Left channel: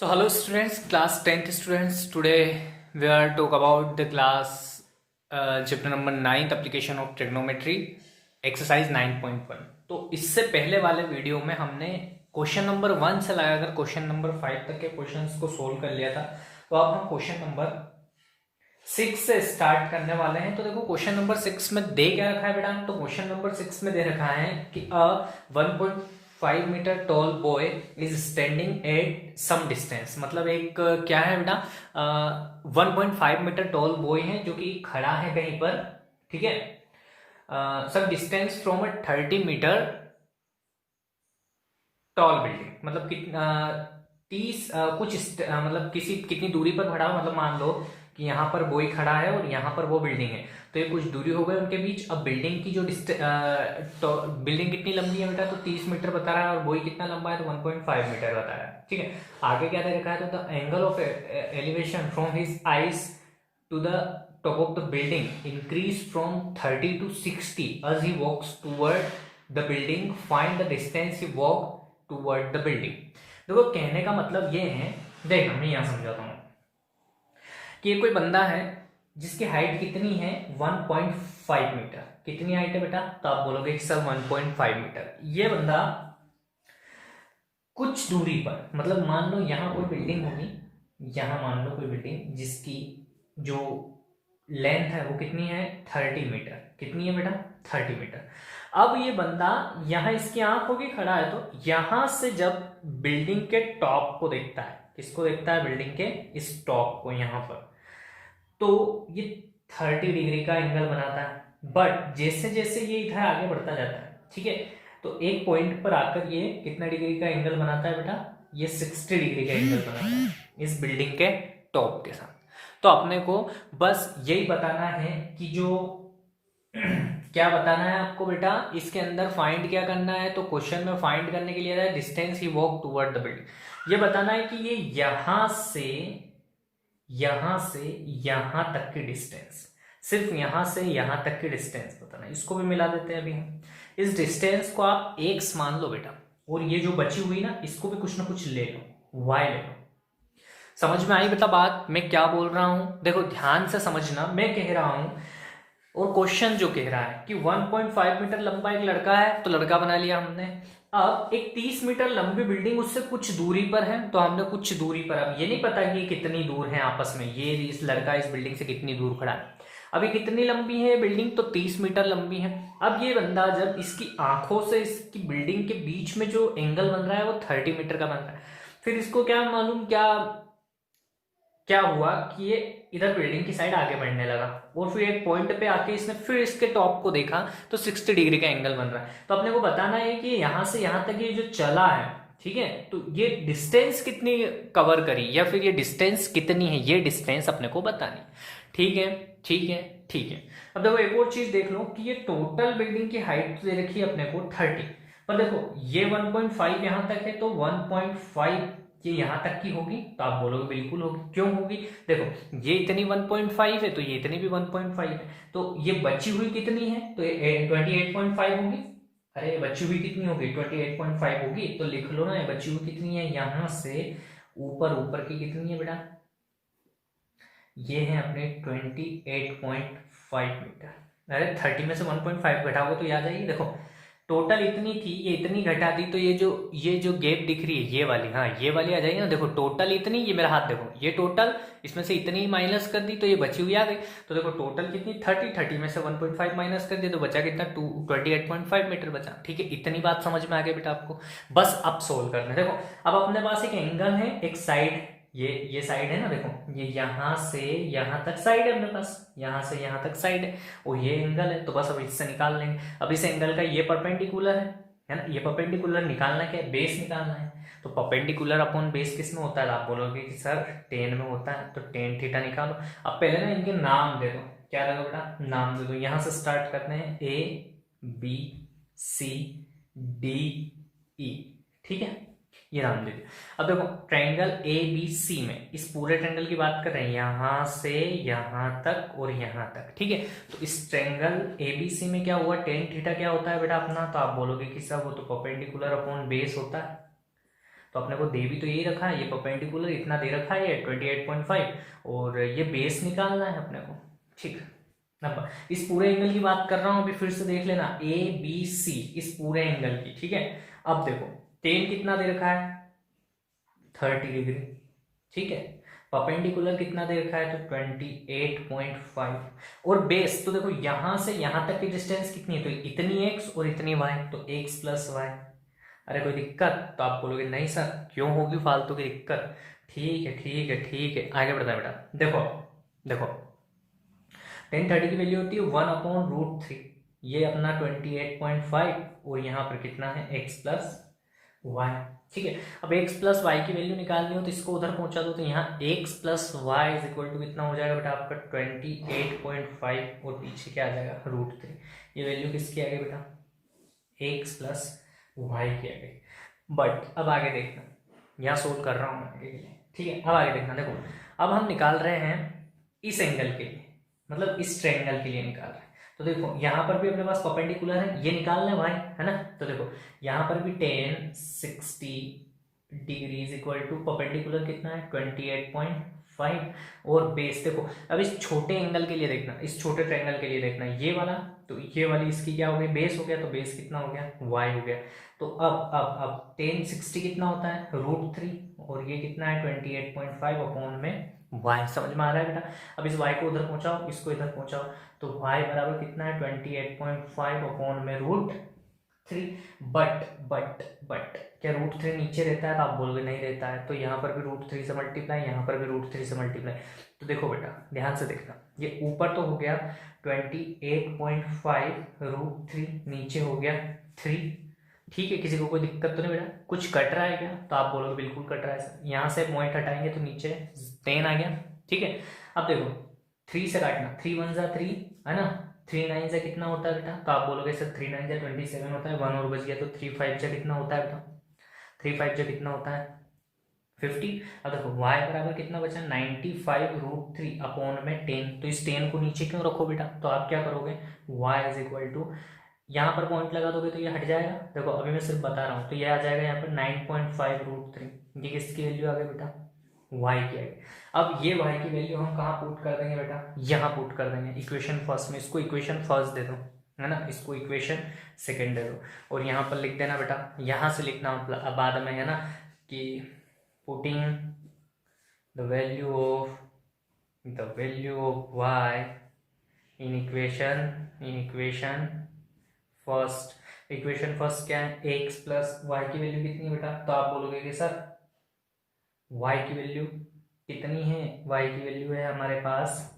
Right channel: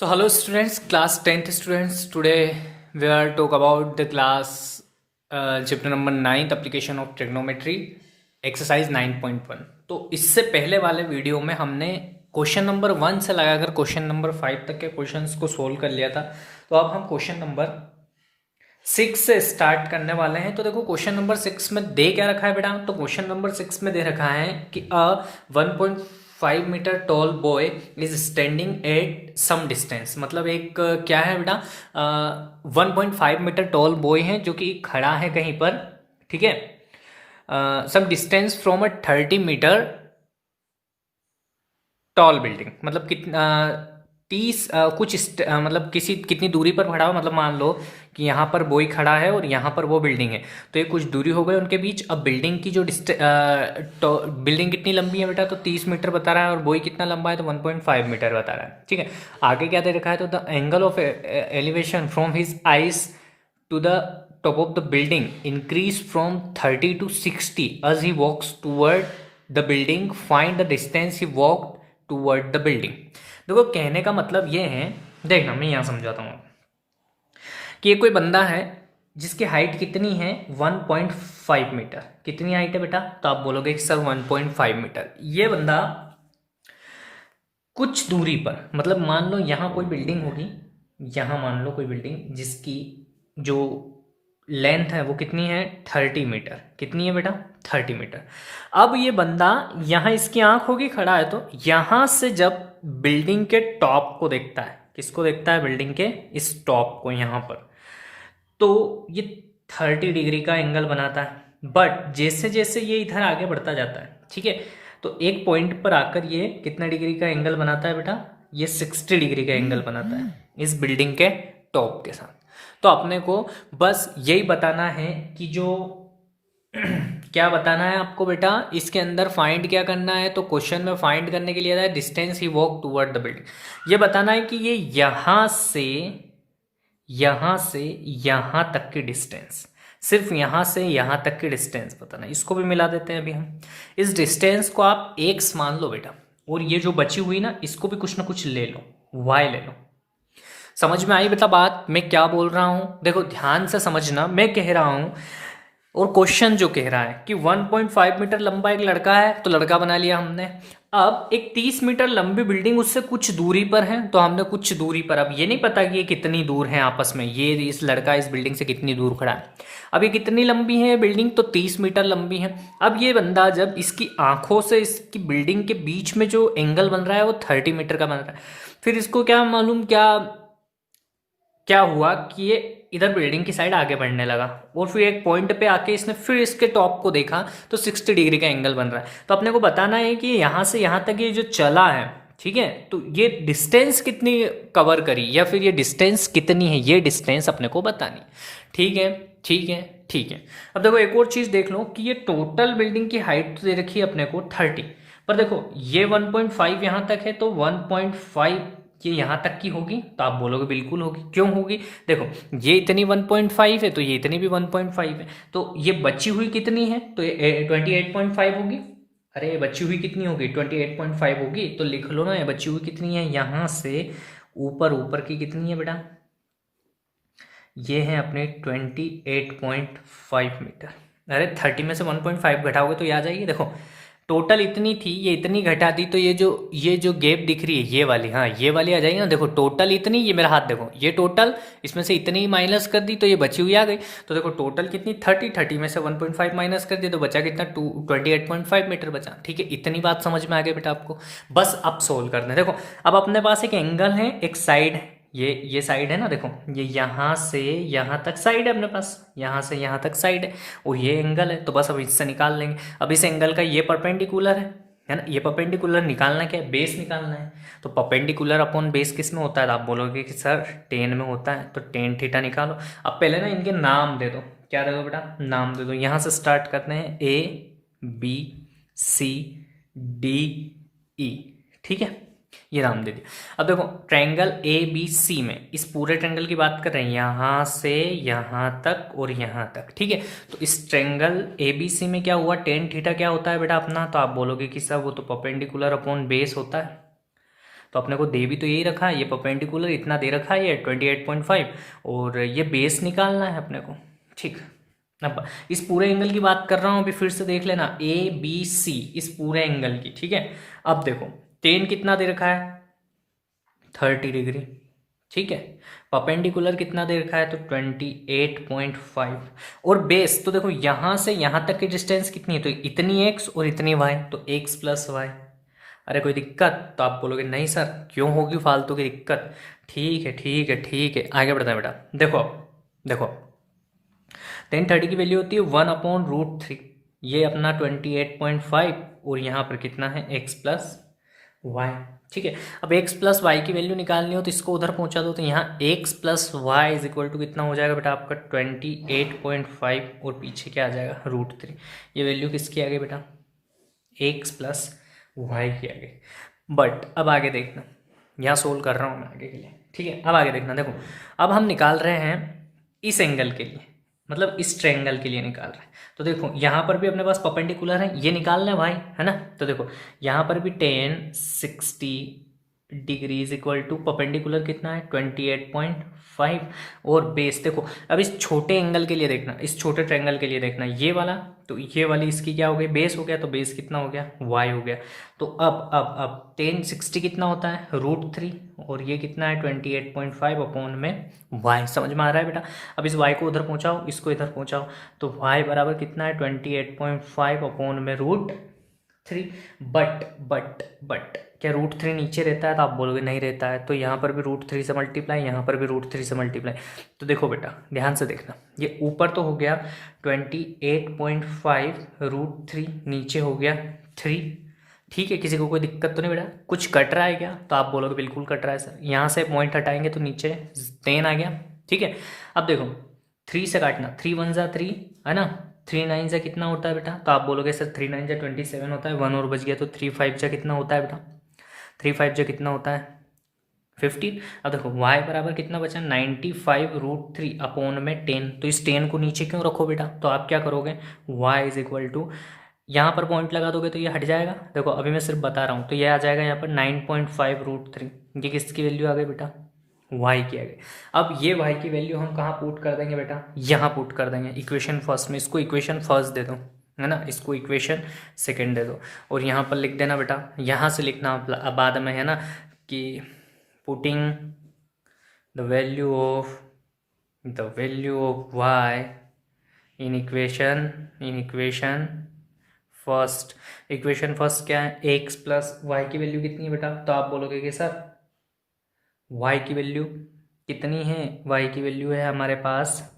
So hello students, class 10th students. Today we are talk about the class chapter number 9th application of trigonometry exercise 9.1. तो इससे पहले वाले video में हमने question number 1 से लगाकर क्वेश्चन नंबर 5 तक के क्वेश्चंस को सोल्व कर लिया था। तो अब हम क्वेश्चन नंबर 6 से स्टार्ट करने वाले हैं। तो देखो क्वेश्चन नंबर 6 में दे क्या रखा है बेटा। तो क्वेश्चन नंबर 6 में दे रखा है कि 1.5 metre tall boy is standing at some distance. मतलब एक क्या है बेटा, 1.5 मीटर टॉल बॉय है जो कि खड़ा है कहीं पर, ठीक है, some distance from a 30 metre tall building. मतलब कितना 30 मतलब कितनी दूरी पर खड़ा हो। मतलब मान लो कि यहाँ पर बॉय खड़ा है और यहाँ पर वो बिल्डिंग है, तो ये कुछ दूरी हो गई उनके बीच। अब बिल्डिंग की जो बिल्डिंग कितनी लंबी है बेटा, तो 30 मीटर बता रहा है, और बॉय कितना लंबा है तो 1.5 मीटर बता रहा है। ठीक है, आगे क्या दे रखा है, तो the angle of elevation from his eyes to the top of the building increase from 30 to 60 as he walks toward the building. Find the distance he walked toward the building. देखो कहने का मतलब ये है, देखना मैं यहाँ समझाता हूँ कि ये कोई बंदा है जिसकी हाइट कितनी है 1.5 मीटर। कितनी हाइट है बेटा, तो आप बोलोगे कि सर 1.5 मीटर। ये बंदा कुछ दूरी पर, मतलब मान लो यहाँ कोई बिल्डिंग होगी, यहाँ मान लो कोई बिल्डिंग जिसकी जो लेंथ है वो कितनी है 30 मीटर। कितनी है बेटा 30 मीटर। अब ये बंदा यहाँ इसकी आंख होगी खड़ा है, तो यहाँ से जब बिल्डिंग के टॉप को देखता है, किसको देखता है, बिल्डिंग के इस टॉप को यहाँ पर, तो ये 30 डिग्री का एंगल बनाता है। बट जैसे जैसे ये इधर आगे बढ़ता जाता है, ठीक है, तो एक पॉइंट पर आकर ये कितना डिग्री का एंगल बनाता है बेटा, ये 60 डिग्री का एंगल बनाता है इस बिल्डिंग के टॉप के साथ। तो अपने को बस यही बताना है कि जो क्या बताना है आपको बेटा, इसके अंदर फाइंड क्या करना है। तो क्वेश्चन में फाइंड करने के लिए distance he walk toward the building. ये बताना है कि ये यहां से यहां तक की डिस्टेंस, सिर्फ यहां से यहां तक की डिस्टेंस बताना है। इसको भी मिला देते हैं अभी हम। इस डिस्टेंस को आप एक्स मान लो बेटा, और ये जो बची हुई ना इसको भी कुछ ना कुछ ले लो, वाई ले लो। समझ में आई बेटा बात, मैं क्या बोल रहा हूं। देखो ध्यान से समझना, मैं कह रहा हूं और क्वेश्चन जो कह रहा है कि 1.5 मीटर लंबा एक लड़का है, तो लड़का बना लिया हमने। अब एक 30 मीटर लंबी बिल्डिंग उससे कुछ दूरी पर है, तो हमने कुछ दूरी पर, अब ये नहीं पता कि ये कितनी दूर है आपस में, ये इस लड़का इस बिल्डिंग से कितनी दूर खड़ा है। अब ये कितनी लंबी है बिल्डिंग, तो 30 मीटर लंबी है। अब ये बंदा जब इसकी आंखों से इसकी बिल्डिंग के बीच में जो एंगल बन रहा है वो 30 मीटर का बन रहा है। फिर इसको क्या मालूम, क्या क्या हुआ कि ये इधर बिल्डिंग की साइड आगे बढ़ने लगा, और फिर एक पॉइंट पे आके इसने फिर इसके टॉप को देखा तो 60 डिग्री का एंगल बन रहा है। तो अपने को बताना है कि यहाँ से यहाँ तक ये जो चला है, ठीक है, तो ये डिस्टेंस कितनी कवर करी, या फिर ये डिस्टेंस कितनी है, ये डिस्टेंस अपने को बतानी। ठीक है, ठीक है, ठीक है। अब देखो एक और चीज़ देख लो कि ये टोटल बिल्डिंग की हाइट दे रखी है अपने को 30, पर देखो ये 1.5 यहाँ तक है, तो 1.5 ये यहाँ तक की होगी, तो आप बोलोगे बिल्कुल होगी। क्यों होगी, देखो ये इतनी 1.5 है तो ये इतनी भी 1.5 है, तो ये बची हुई कितनी है, तो ये 28.5 होगी। अरे ये बची हुई कितनी होगी, 28.5 होगी। तो लिख लो ना, ये बची हुई कितनी है, यहाँ से ऊपर ऊपर की कितनी है बेटा, ये है अपने 28.5 मीटर। अरे 30 में से 1.5 घटाओगे तो ये आ जाएगी। देखो टोटल इतनी थी, ये इतनी घटा दी, तो ये जो गैप दिख रही है ये वाली, हाँ ये वाली आ जाएगी ना। देखो टोटल इतनी, ये मेरा हाथ देखो, ये टोटल इसमें से इतनी माइनस कर दी तो ये बची हुई आ गई। तो देखो टोटल कितनी 30 में से 1.5 माइनस कर दी तो बचा कितना 28.5 मीटर बचा। ठीक है, इतनी बात समझ में आ गई बेटा आपको। बस अब सोल्व करना है। देखो अब अपने पास एक एंगल है, एक साइड है, ये साइड है ना, देखो ये यहाँ से यहाँ तक साइड है अपने पास, यहाँ से यहाँ तक साइड है, और ये एंगल है। तो बस अब इससे निकाल लेंगे। अब इस एंगल का ये परपेंडिकुलर है ना, ये परपेंडिकुलर निकालना क्या है, बेस निकालना है। तो परपेंडिकुलर अपॉन बेस किस में होता है, तो आप बोलोगे कि सर टेन में होता है, तो टेन थीटा निकालो। अब पहले ना इनके नाम दे दो, क्या रहेगा बेटा, नाम दे दो। यहाँ से स्टार्ट करते हैं, A B C D E, ठीक है, ये नाम दे दिया। अब देखो ट्रायंगल ए बी सी में, इस पूरे ट्रायंगल की बात कर रहे हैं, यहाँ से यहाँ तक और यहाँ तक, ठीक है। तो इस ट्रायंगल ए बी सी में क्या हुआ, टेन थीटा क्या होता है बेटा अपना, तो आप बोलोगे कि सर वो तो परपेंडिकुलर अपॉन बेस होता है। तो अपने को दे भी तो यही रखा है, ये परपेंडिकुलर इतना दे रखा है, ये 28.5, और ये बेस निकालना है अपने को। ठीक, अब इस पूरे एंगल की बात कर रहा हूँ, अभी फिर से देख लेना, ABC इस पूरे एंगल की। ठीक है, अब देखो टेन कितना दे रखा है, 30 डिग्री। ठीक है, परपेंडिकुलर कितना दे रखा है, तो 28.5, और बेस तो देखो यहाँ से यहाँ तक की डिस्टेंस कितनी है, तो इतनी x और इतनी y, तो x प्लस वाई। अरे कोई दिक्कत, तो आप बोलोगे नहीं सर क्यों होगी फालतू की दिक्कत। ठीक है ठीक है ठीक है, आगे बढ़ते हैं बेटा। देखो देखो 1030 की वैल्यू होती है 1/√3, ये अपना 28.5, और यहाँ पर कितना है x प्लस वाई। ठीक है, अब x प्लस वाई की वैल्यू निकालनी हो तो इसको उधर पहुंचा दो, तो यहाँ x plus y is equal to कितना हो जाएगा बेटा आपका 28.5, और पीछे क्या आ जाएगा √3। ये वैल्यू किसकी आ गई बेटा, x प्लस वाई की आ गई। बट अब आगे देखना, यहाँ सोल्व कर रहा हूँ मैं आगे के लिए। ठीक है, अब आगे देखना, देखो अब हम निकाल रहे हैं इस एंगल के लिए, मतलब इस ट्रायंगल के लिए निकाल रहे हैं। तो देखो यहाँ पर भी अपने पास परपेंडिकुलर है, ये निकालना है भाई, है ना। तो देखो यहाँ पर भी 1060 degree is equal to perpendicular कितना है 28.5, और बेस देखो अब इस छोटे एंगल के लिए देखना, इस छोटे ट्रायंगल के लिए देखना, ये वाला, तो ये वाली इसकी क्या हो गई, बेस हो गया, तो बेस कितना हो गया y हो गया। तो अब 1060 कितना होता है √3, और ये कितना है 28.5 अपॉन में y। समझ में आ रहा है बेटा। अब इस y को उधर पहुंचाओ, इसको इधर पहुंचाओ, तो y बराबर कितना है 28.5 अपॉन में √3। बट क्या √3 नीचे रहता है, तो आप बोलोगे नहीं रहता है, तो यहाँ पर भी √3 से मल्टीप्लाई, यहाँ पर भी √3 से मल्टीप्लाई। तो देखो बेटा ध्यान से देखना, ये ऊपर तो हो गया 28.5 √3, नीचे हो गया 3। ठीक है, किसी को कोई दिक्कत तो नहीं बेटा, कुछ कट रहा है क्या, तो आप बोलोगे बिल्कुल कट रहा है सर। यहाँ से पॉइंट हटाएंगे तो नीचे 10 आ गया। ठीक है, अब देखो 3 से काटना, 3 1 जा 3, है ना, 3 9 जा कितना होता है बेटा, तो आप बोलोगे सर 3 9 जा 27 होता है, 1 और बच गया, तो 3 5 जा कितना होता है बेटा, 3 5 जा कितना होता है 15। अब देखो y बराबर कितना बचा 95 √3 अपॉन में 10, तो इस 10 को नीचे क्यों रखो बेटा, तो आप क्या करोगे y इज इक्वल टू, यहाँ पर पॉइंट लगा दोगे तो ये हट जाएगा। देखो अभी मैं सिर्फ बता रहा हूँ, तो ये आ जाएगा यहाँ पर 9.5 √3, ये किसकी वैल्यू आ गई बेटा, y की आ गई। अब ये y की वैल्यू हम कहाँ पुट कर देंगे बेटा, यहाँ पुट कर देंगे इक्वेशन फर्स्ट में, इसको इक्वेशन फर्स्ट दे दो, है ना, इसको इक्वेशन सेकंड दे दो, और यहाँ पर लिख देना बेटा, यहाँ से लिखना बाद में, है ना, कि putting the value of y in equation first. Equation first क्या है, x प्लस वाई की वैल्यू कितनी है बेटा, तो आप बोलोगे कि सर y की वैल्यू कितनी है, y की वैल्यू है हमारे पास,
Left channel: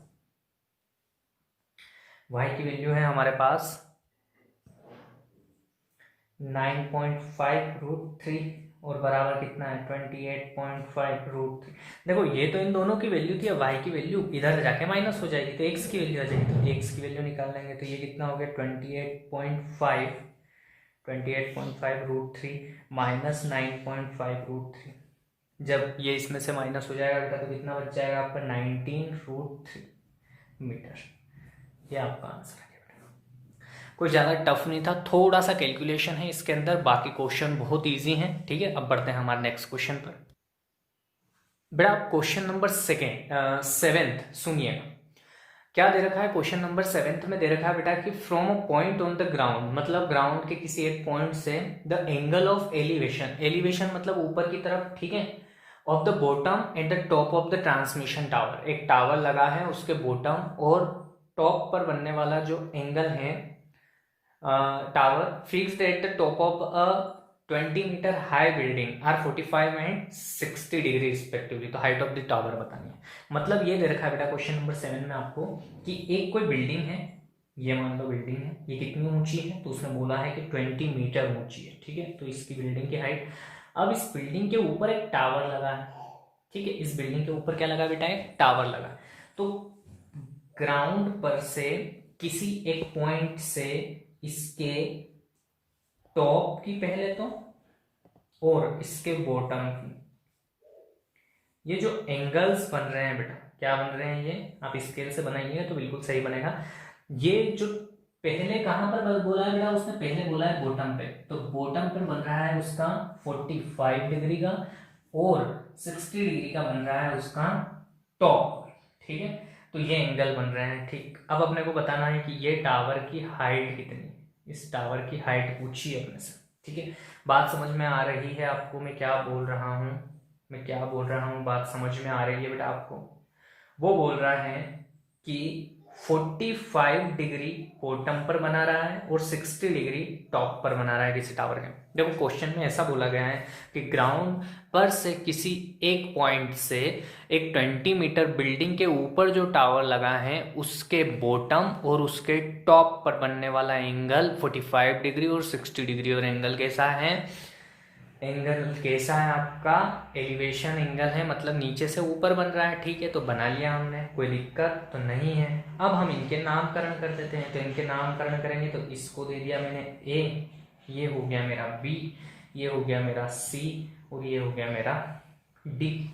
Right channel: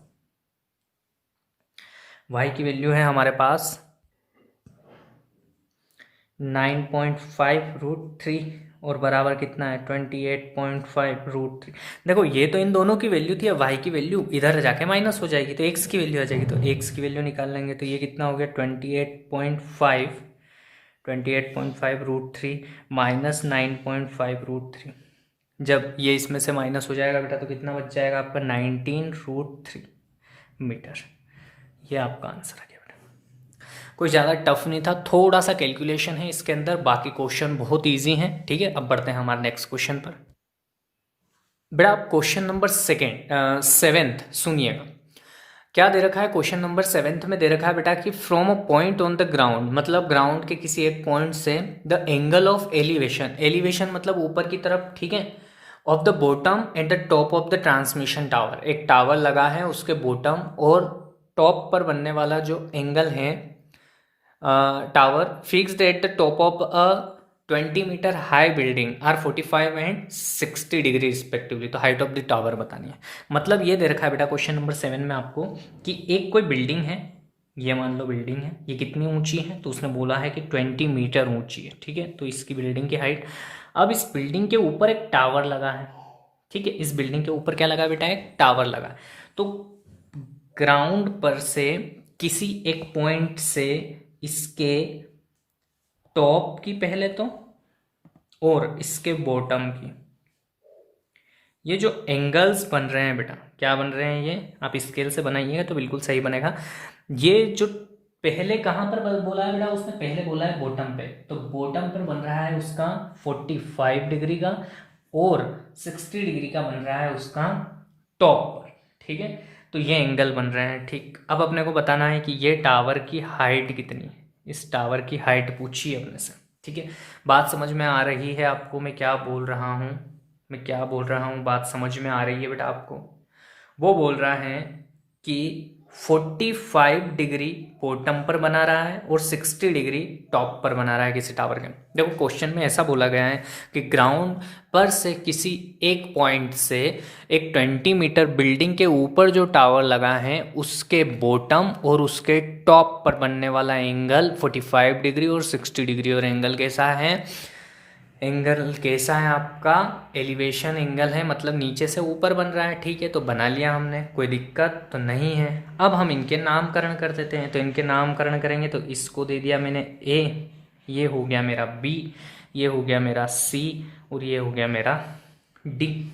y की वैल्यू है हमारे पास 9.5 √3, और बराबर कितना है 28.5 √3। देखो ये तो इन दोनों की वैल्यू थी, अब y की वैल्यू इधर जाके माइनस हो जाएगी, तो x की वैल्यू आ जाएगी, तो x की वैल्यू निकाल लेंगे, तो ये कितना हो गया 28.5 √3 माइनस 9.5 √3। जब ये इसमें से माइनस हो जाएगा बेटा, तो कितना बच जाएगा आपका 19 √3 मीटर। ये आपका आंसर आ गया बेटा। कोई ज़्यादा टफ नहीं था, थोड़ा सा कैलकुलेशन है इसके अंदर, बाकी क्वेश्चन बहुत इजी हैं। ठीक है, अब बढ़ते हैं हमारे नेक्स्ट क्वेश्चन पर। बेटा क्वेश्चन नंबर सेवेंथ सुनिएगा, क्या दे रखा है क्वेश्चन नंबर 7 में, दे रखा है बेटा कि from a point on the ground, मतलब ग्राउंड के किसी एक पॉइंट से, the angle of elevation, elevation मतलब ऊपर की तरफ, ठीक है, of the bottom eight the top of the transmission tower, एक टावर लगा है उसके बॉटम और टॉप पर बनने वाला जो एंगल है tower, fixed at the top of a 20 metre high building are 45 and 60 degree respectively. तो हाइट ऑफ द टावर बतानी है, मतलब ये दे रखा है बेटा क्वेश्चन नंबर 7 में आपको कि एक कोई बिल्डिंग है, ये मान लो बिल्डिंग है, ये कितनी ऊंची है, तो उसने बोला है कि 20 मीटर ऊंची है। ठीक है, तो इसकी बिल्डिंग की हाइट, अब इस बिल्डिंग के ऊपर एक टावर लगा है। ठीक है, इस बिल्डिंग के ऊपर क्या लगा बेटा, एक टावर लगा है। तो ग्राउंड पर से किसी एक पॉइंट से इसके टॉप की पहले तो, और इसके बॉटम की, ये जो एंगल्स बन रहे हैं बेटा, क्या बन रहे हैं ये, आप स्केल से बनाइएगा तो बिल्कुल सही बनेगा। ये जो पहले कहाँ पर बोला है बेटा उसने? पहले बोला है बॉटम पे, तो बॉटम पर बन रहा है उसका 45 डिग्री का, और 60 डिग्री का बन रहा है उसका टॉप पर। ठीक है, तो ये एंगल बन रहे हैं। ठीक, अब अपने को बताना है कि ये टावर की हाइट कितनी है। इस टावर की हाइट पूछी है अपने से। ठीक है, बात समझ में आ रही है आपको मैं क्या बोल रहा हूँ? मैं क्या बोल रहा हूँ, बात समझ में आ रही है बेटा आपको? वो बोल रहा है कि 45 डिग्री बॉटम पर बना रहा है और 60 डिग्री टॉप पर बना रहा है किसी टावर के। देखो क्वेश्चन में ऐसा बोला गया है कि ग्राउंड पर से किसी एक पॉइंट से एक 20 मीटर बिल्डिंग के ऊपर जो टावर लगा है उसके बॉटम और उसके टॉप पर बनने वाला एंगल 45 डिग्री और 60 डिग्री। और एंगल कैसा है? एंगल कैसा है आपका? एलिवेशन एंगल है, मतलब नीचे से ऊपर बन रहा है। ठीक है, तो बना लिया हमने, कोई दिक्कत तो नहीं है। अब हम इनके नामकरण कर देते हैं। तो इनके नामकरण करेंगे तो इसको दे दिया मैंने ए, ये हो गया मेरा बी, ये हो गया मेरा सी, और ये हो गया मेरा डी।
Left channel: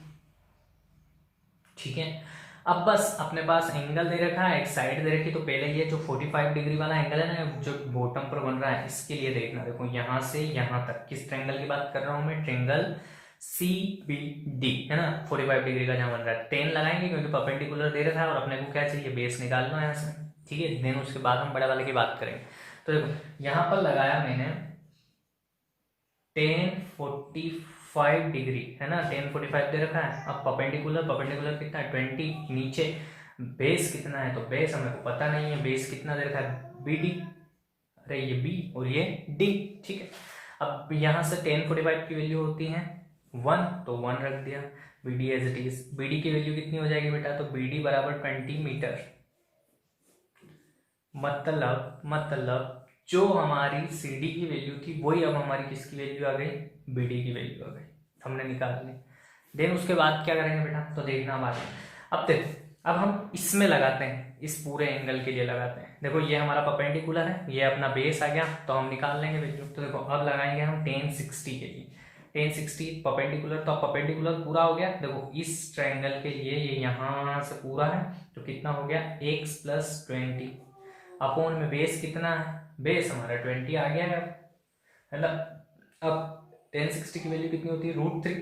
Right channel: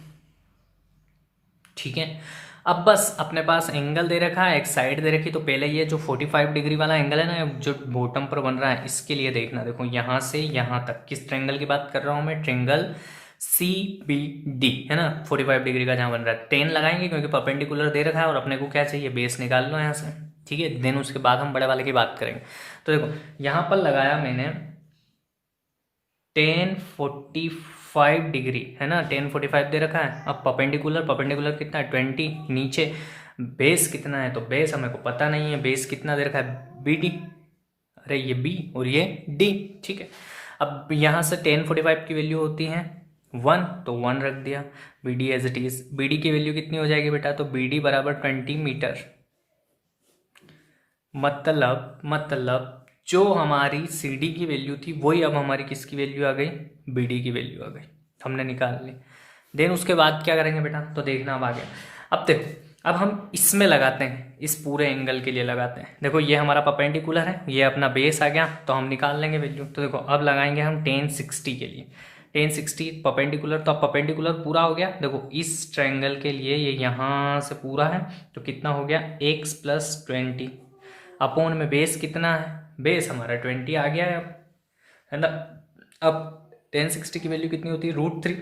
ठीक है, अब बस अपने पास एंगल दे रखा है, एक साइड दे रखी। तो पहले ये जो 45 डिग्री वाला एंगल है ना जो बॉटम पर बन रहा है, इसके लिए देखना। देखो यहाँ से यहाँ तक किस ट्रेंगल की बात कर रहा हूँ मैं? ट्रेंगल सी बी डी है ना, 45 डिग्री का जहाँ बन रहा है। 10 लगाएंगे क्योंकि परपेंडिकुलर दे रखा है और अपने को क्या चाहिए? बेस निकाल लो यहाँ से। ठीक है, देन उसके बाद हम बड़े वाले की बात करेंगे। तो देखो यहाँ पर लगाया मैंने 1045 डिग्री है ना, 1045 दे रखा है। अब परपेंडिकुलर, परपेंडिकुलर कितना है? 20। नीचे बेस कितना है? तो बेस हमें को पता नहीं है, बेस कितना दे रखा है? B D. अरे ये बी और ये डी। ठीक है, अब यहाँ से 1045 की वैल्यू होती है 1, तो 1 रख दिया। B D as it is. B D की वैल्यू कितनी हो जाएगी बेटा? तो बी डी बराबर 20 मीटर। मतलब जो हमारी सी डी की वैल्यू थी वही अब हमारी किसकी वैल्यू आ गई? बी डी की वैल्यू आ गई, हमने निकाल ली। देन उसके बाद क्या करेंगे बेटा? तो देखना अब आगे। अब देखो, अब हम इसमें लगाते हैं, इस पूरे एंगल के लिए लगाते हैं। देखो ये हमारा परपेंडिकुलर है, ये अपना बेस आ गया, तो हम निकाल लेंगे वैल्यू। तो देखो अब लगाएंगे हम 1060 के लिए। 1060 परपेंडिकुलर, तो अब परपेंडिकुलर पूरा हो गया। देखो इस ट्रायंगल के लिए ये यहाँ से पूरा है, तो कितना हो गया? x प्लस 20 अपॉन में बेस कितना है? बेस हमारा 20 आ गया है ना। अब 1060 की वैल्यू कितनी होती है? √3।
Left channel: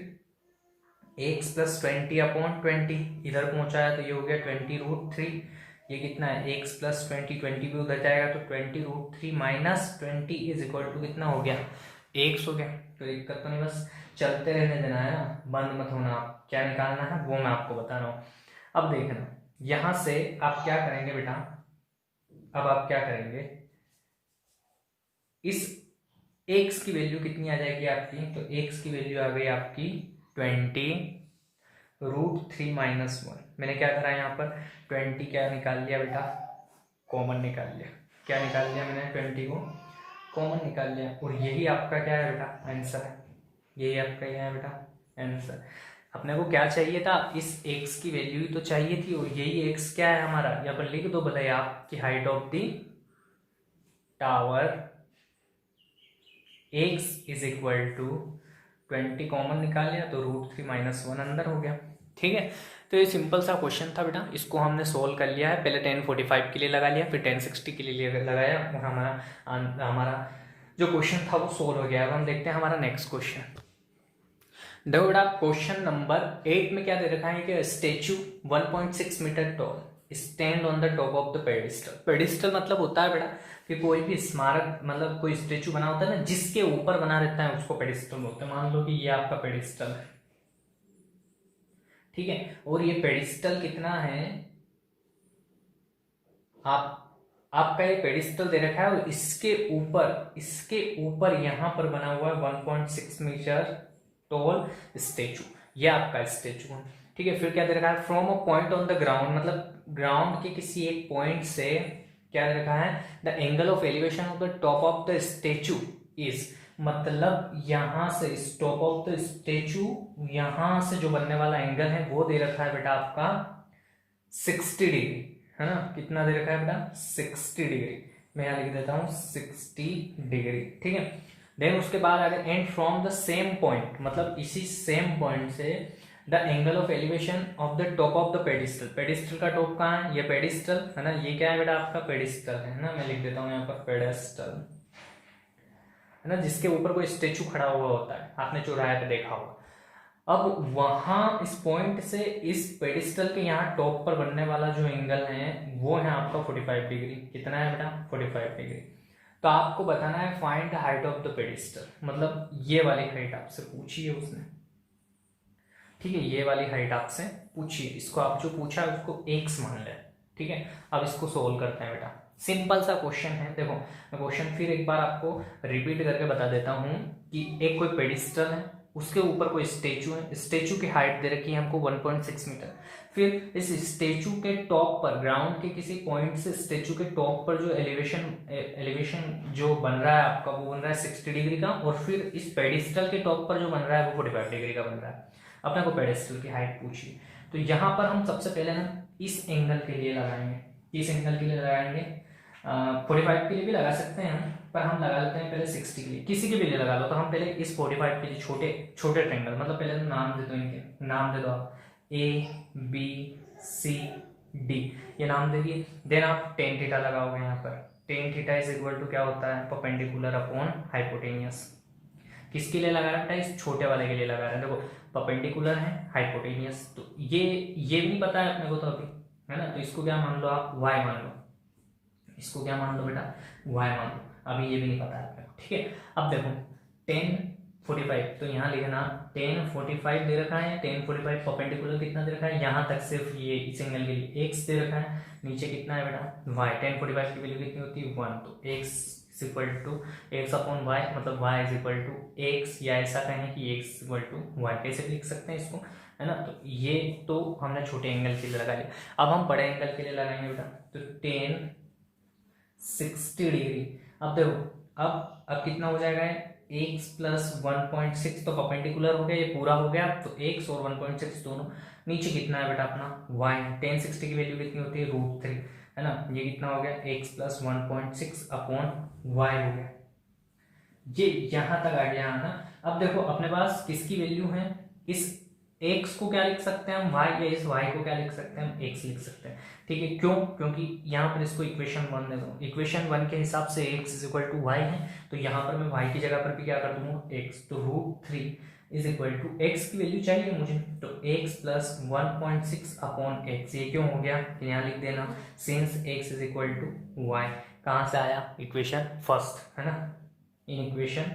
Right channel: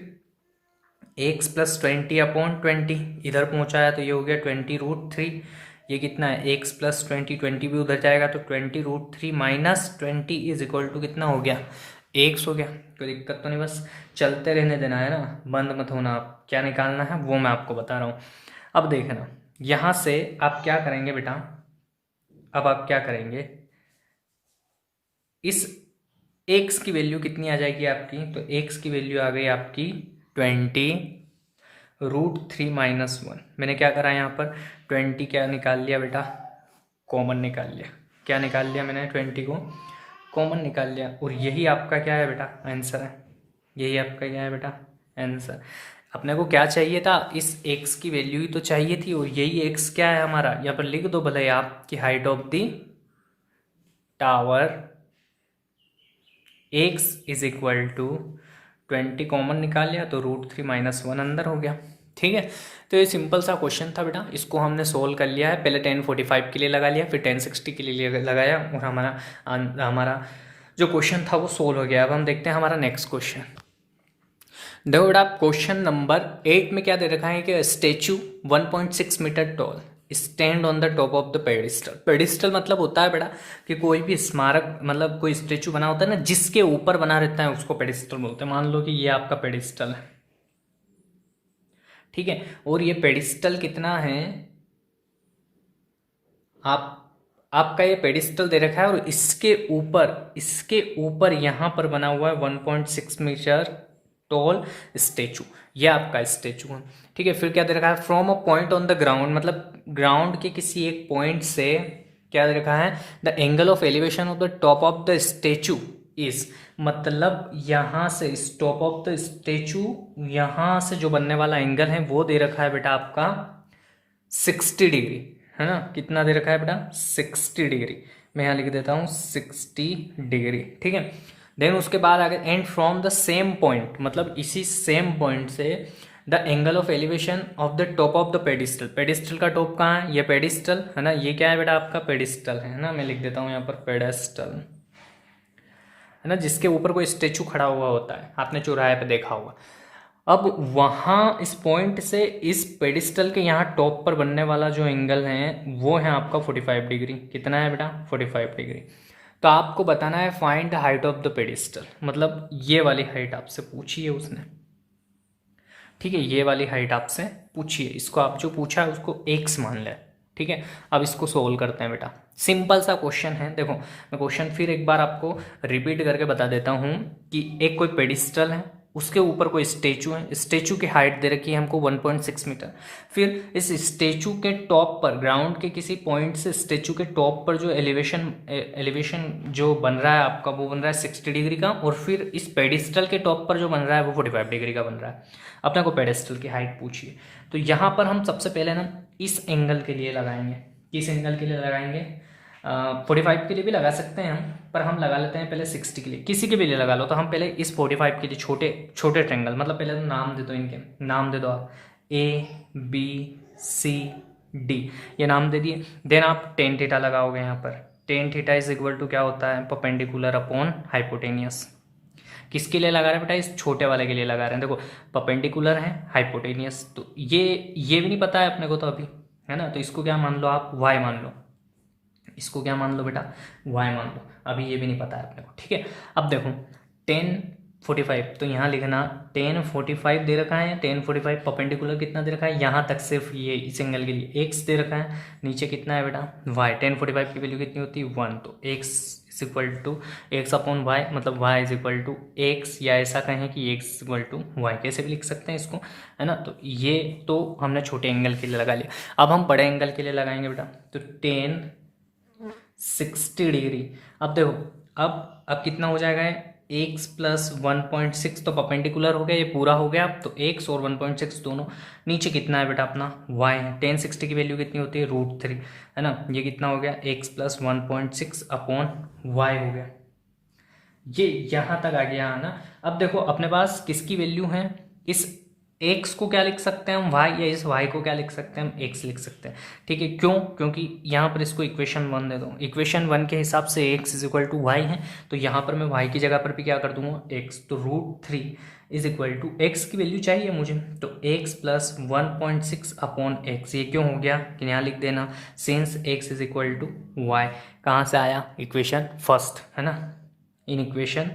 एक्स प्लस 20 अपॉन 20 इधर पहुंचा है तो ये हो गया 20√3। ये कितना है? एक्स प्लस 20, 20 भी उधर जाएगा तो 20√3 माइनस 20 इज इक्वल टू कितना हो गया? एक्स हो गया। कोई दिक्कत तो नहीं, बस चलते रहने देना है ना, बंद मत होना। आप क्या निकालना है वो मैं आपको बता रहा हूँ। अब देखना, यहाँ से आप क्या करेंगे बेटा? अब आप क्या करेंगे? इस एक्स की वैल्यू कितनी आ जाएगी आपकी? तो एक्स की वैल्यू आ गई आपकी 20√3 माइनस 1। मैंने क्या करा यहाँ पर? 20 क्या निकाल लिया बेटा? कॉमन निकाल लिया। क्या निकाल लिया मैंने? 20 को कॉमन निकाल लिया, और यही आपका क्या है बेटा? आंसर है। यही आपका क्या है बेटा? आंसर। अपने को क्या चाहिए था? इस x की वैल्यू ही तो चाहिए थी, और यही x क्या है हमारा? यहाँ पर लिख दो भले आप कि height of the tower x is equal to 20 common निकाल लिया तो √3 माइनस 1 अंदर हो गया। ठीक है, तो ये सिंपल सा क्वेश्चन था बेटा, इसको हमने सोल्व कर लिया है। पहले 1045 के लिए लगा लिया, फिर 1060 के लिए लगाया, और हमारा जो क्वेश्चन था वो सोल्व हो गया। अब हम देखते हैं हमारा नेक्स्ट क्वेश्चन। देखो बेटा, क्वेश्चन नंबर 8 में क्या दे रखा है कि statue 1.6 metre tall stand on the top of the pedestal. Pedestal मतलब होता है बेटा कि कोई भी स्मारक, मतलब कोई स्टेचू बना होता है ना जिसके ऊपर बना रहता है, उसको पेडिस्टल बोलते हैं। मान लो कि ये आपका पेडिस्टल है, ठीक है, और ये पेडिस्टल कितना है? आप आपका ये पेडिस्टल दे रखा है, और इसके ऊपर यहाँ पर बना हुआ है 1.6 मीटर टॉल स्टेचू। ये आपका स्टेचू है, ठीक है। फिर क्या दे रखा है? From a point on the ground, मतलब ग्राउंड के किसी एक पॉइंट से क्या दे रखा है? The angle of elevation of the top of the statue is, मतलब यहाँ से इस टॉप ऑफ द स्टेचू यहाँ से जो बनने वाला एंगल है वो दे रखा है बेटा आपका 60 डिग्री, है ना। कितना दे रखा है बेटा? 60 डिग्री। मैं यहाँ लिख देता हूँ 60 डिग्री, ठीक है। देन उसके बाद अगर and from the same point, मतलब इसी सेम पॉइंट से the angle of elevation of the top of the pedestal. Pedestal का टॉप कहाँ है? ये पेडिस्टल है ना, ये क्या है बेटा? आपका पेडिस्टल है ना, मैं लिख देता हूँ यहाँ पर पेडेस्टल है ना, जिसके ऊपर कोई स्टेचू खड़ा हुआ होता है, आपने चौराहे पे देखा होगा। अब वहाँ इस पॉइंट से इस पेडिस्टल के यहाँ टॉप पर बनने वाला जो एंगल है वो है आपका 45 डिग्री। कितना है बेटा? 45 डिग्री। तो आपको बताना है find the height of the pedestal, मतलब ये वाली हाइट आपसे पूछी है उसने, ठीक है, ये वाली हाइट आपसे पूछी है। इसको आप जो पूछा है उसको एक्स मान लें, ठीक है। अब इसको सोल्व करते हैं बेटा, सिंपल सा क्वेश्चन है। देखो मैं क्वेश्चन फिर एक बार आपको रिपीट करके बता देता हूँ कि एक कोई पेडिस्टल है, उसके ऊपर कोई स्टेचू है, स्टेचू की हाइट दे रखी है हमको 1.6 मीटर। फिर इस स्टेचू के टॉप पर, ग्राउंड के किसी पॉइंट से स्टेचू के टॉप पर जो एलिवेशन जो बन रहा है आपका, वो बन रहा है 60 डिग्री का, और फिर इस पेडिस्टल के टॉप पर जो बन रहा है वो 45 डिग्री का बन रहा है। अपने को पेडिस्टल की हाइट पूछिए, तो यहाँ पर हम सबसे पहले ना इस एंगल के लिए लगाएंगे। किस एंगल के लिए लगाएंगे? 45 के लिए भी लगा सकते हैं हम, पर हम लगा लेते हैं पहले 60 के लिए। किसी के भी लिए लगा लो, तो हम पहले इस 45 के लिए छोटे छोटे ट्रेंगल, मतलब पहले तो नाम दे दो, इनके नाम दे दो आप, ABCD, ये नाम दे दिए। देन आप टेन थीटा लगाओगे यहाँ पर। Tan theta is equal to क्या होता है? Perpendicular upon hypotenuse. किसके लिए लगा रहे हैं बेटा? इस छोटे वाले के लिए लगा रहे हैं। देखो परपेंडिकुलर है, हाइपोटेनियस, तो ये भी नहीं पता है अपने को तो अभी, है ना, तो इसको क्या मान लो आप? y मान लो। इसको क्या मान लो बेटा? y मान लो। अभी ये भी नहीं पता है अपने को, ठीक है। अब देखो 1045, तो यहाँ लिखना 1045 दे रखा है। 1045 परपेंडिकुलर कितना दे रखा है? यहाँ तक सिर्फ ये इस एंगल के लिए x दे रखा है। नीचे कितना है बेटा? y। 1045 की वैल्यू कितनी होती है? 1। तो x is equal to x upon y, मतलब y is equal to x, या ऐसा कहें कि x is equal to y. कैसे भी लिख सकते हैं इसको, है ना। तो ये तो हमने छोटे एंगल के लिए लगा लिया। अब हम बड़े एंगल के लिए लगाएंगे बेटा, तो 1060 डिग्री। अब देखो अब कितना हो जाएगा? x प्लस 1.6, तो परपेंडिकुलर हो गया, ये पूरा हो गया। तो x और 1.6 दोनों। नीचे कितना है बेटा? अपना y। 1060 की वैल्यू कितनी होती है? √3, है ना। ये कितना हो गया? x प्लस 1.6 अपॉन y हो गया। ये यहाँ तक आ गया, है ना। अब देखो अपने पास किसकी वैल्यू है? इस x को क्या लिख सकते हैं हम? y, या इस y को क्या लिख सकते हैं हम? x लिख सकते हैं, ठीक है। क्यों? क्योंकि यहाँ पर इसको इक्वेशन 1 दे दो। इक्वेशन 1 के हिसाब से x is equal to y है, तो यहाँ पर मैं y की जगह पर भी क्या कर दूंगा? x। तो √3 इज इक्वल टू x की वैल्यू चाहिए मुझे, तो x प्लस 1.6 अपॉन x। ये क्यों हो गया कि यहाँ लिख देना, since x is equal to y. कहाँ से आया? इक्वेशन फर्स्ट, है ना, इन इक्वेशन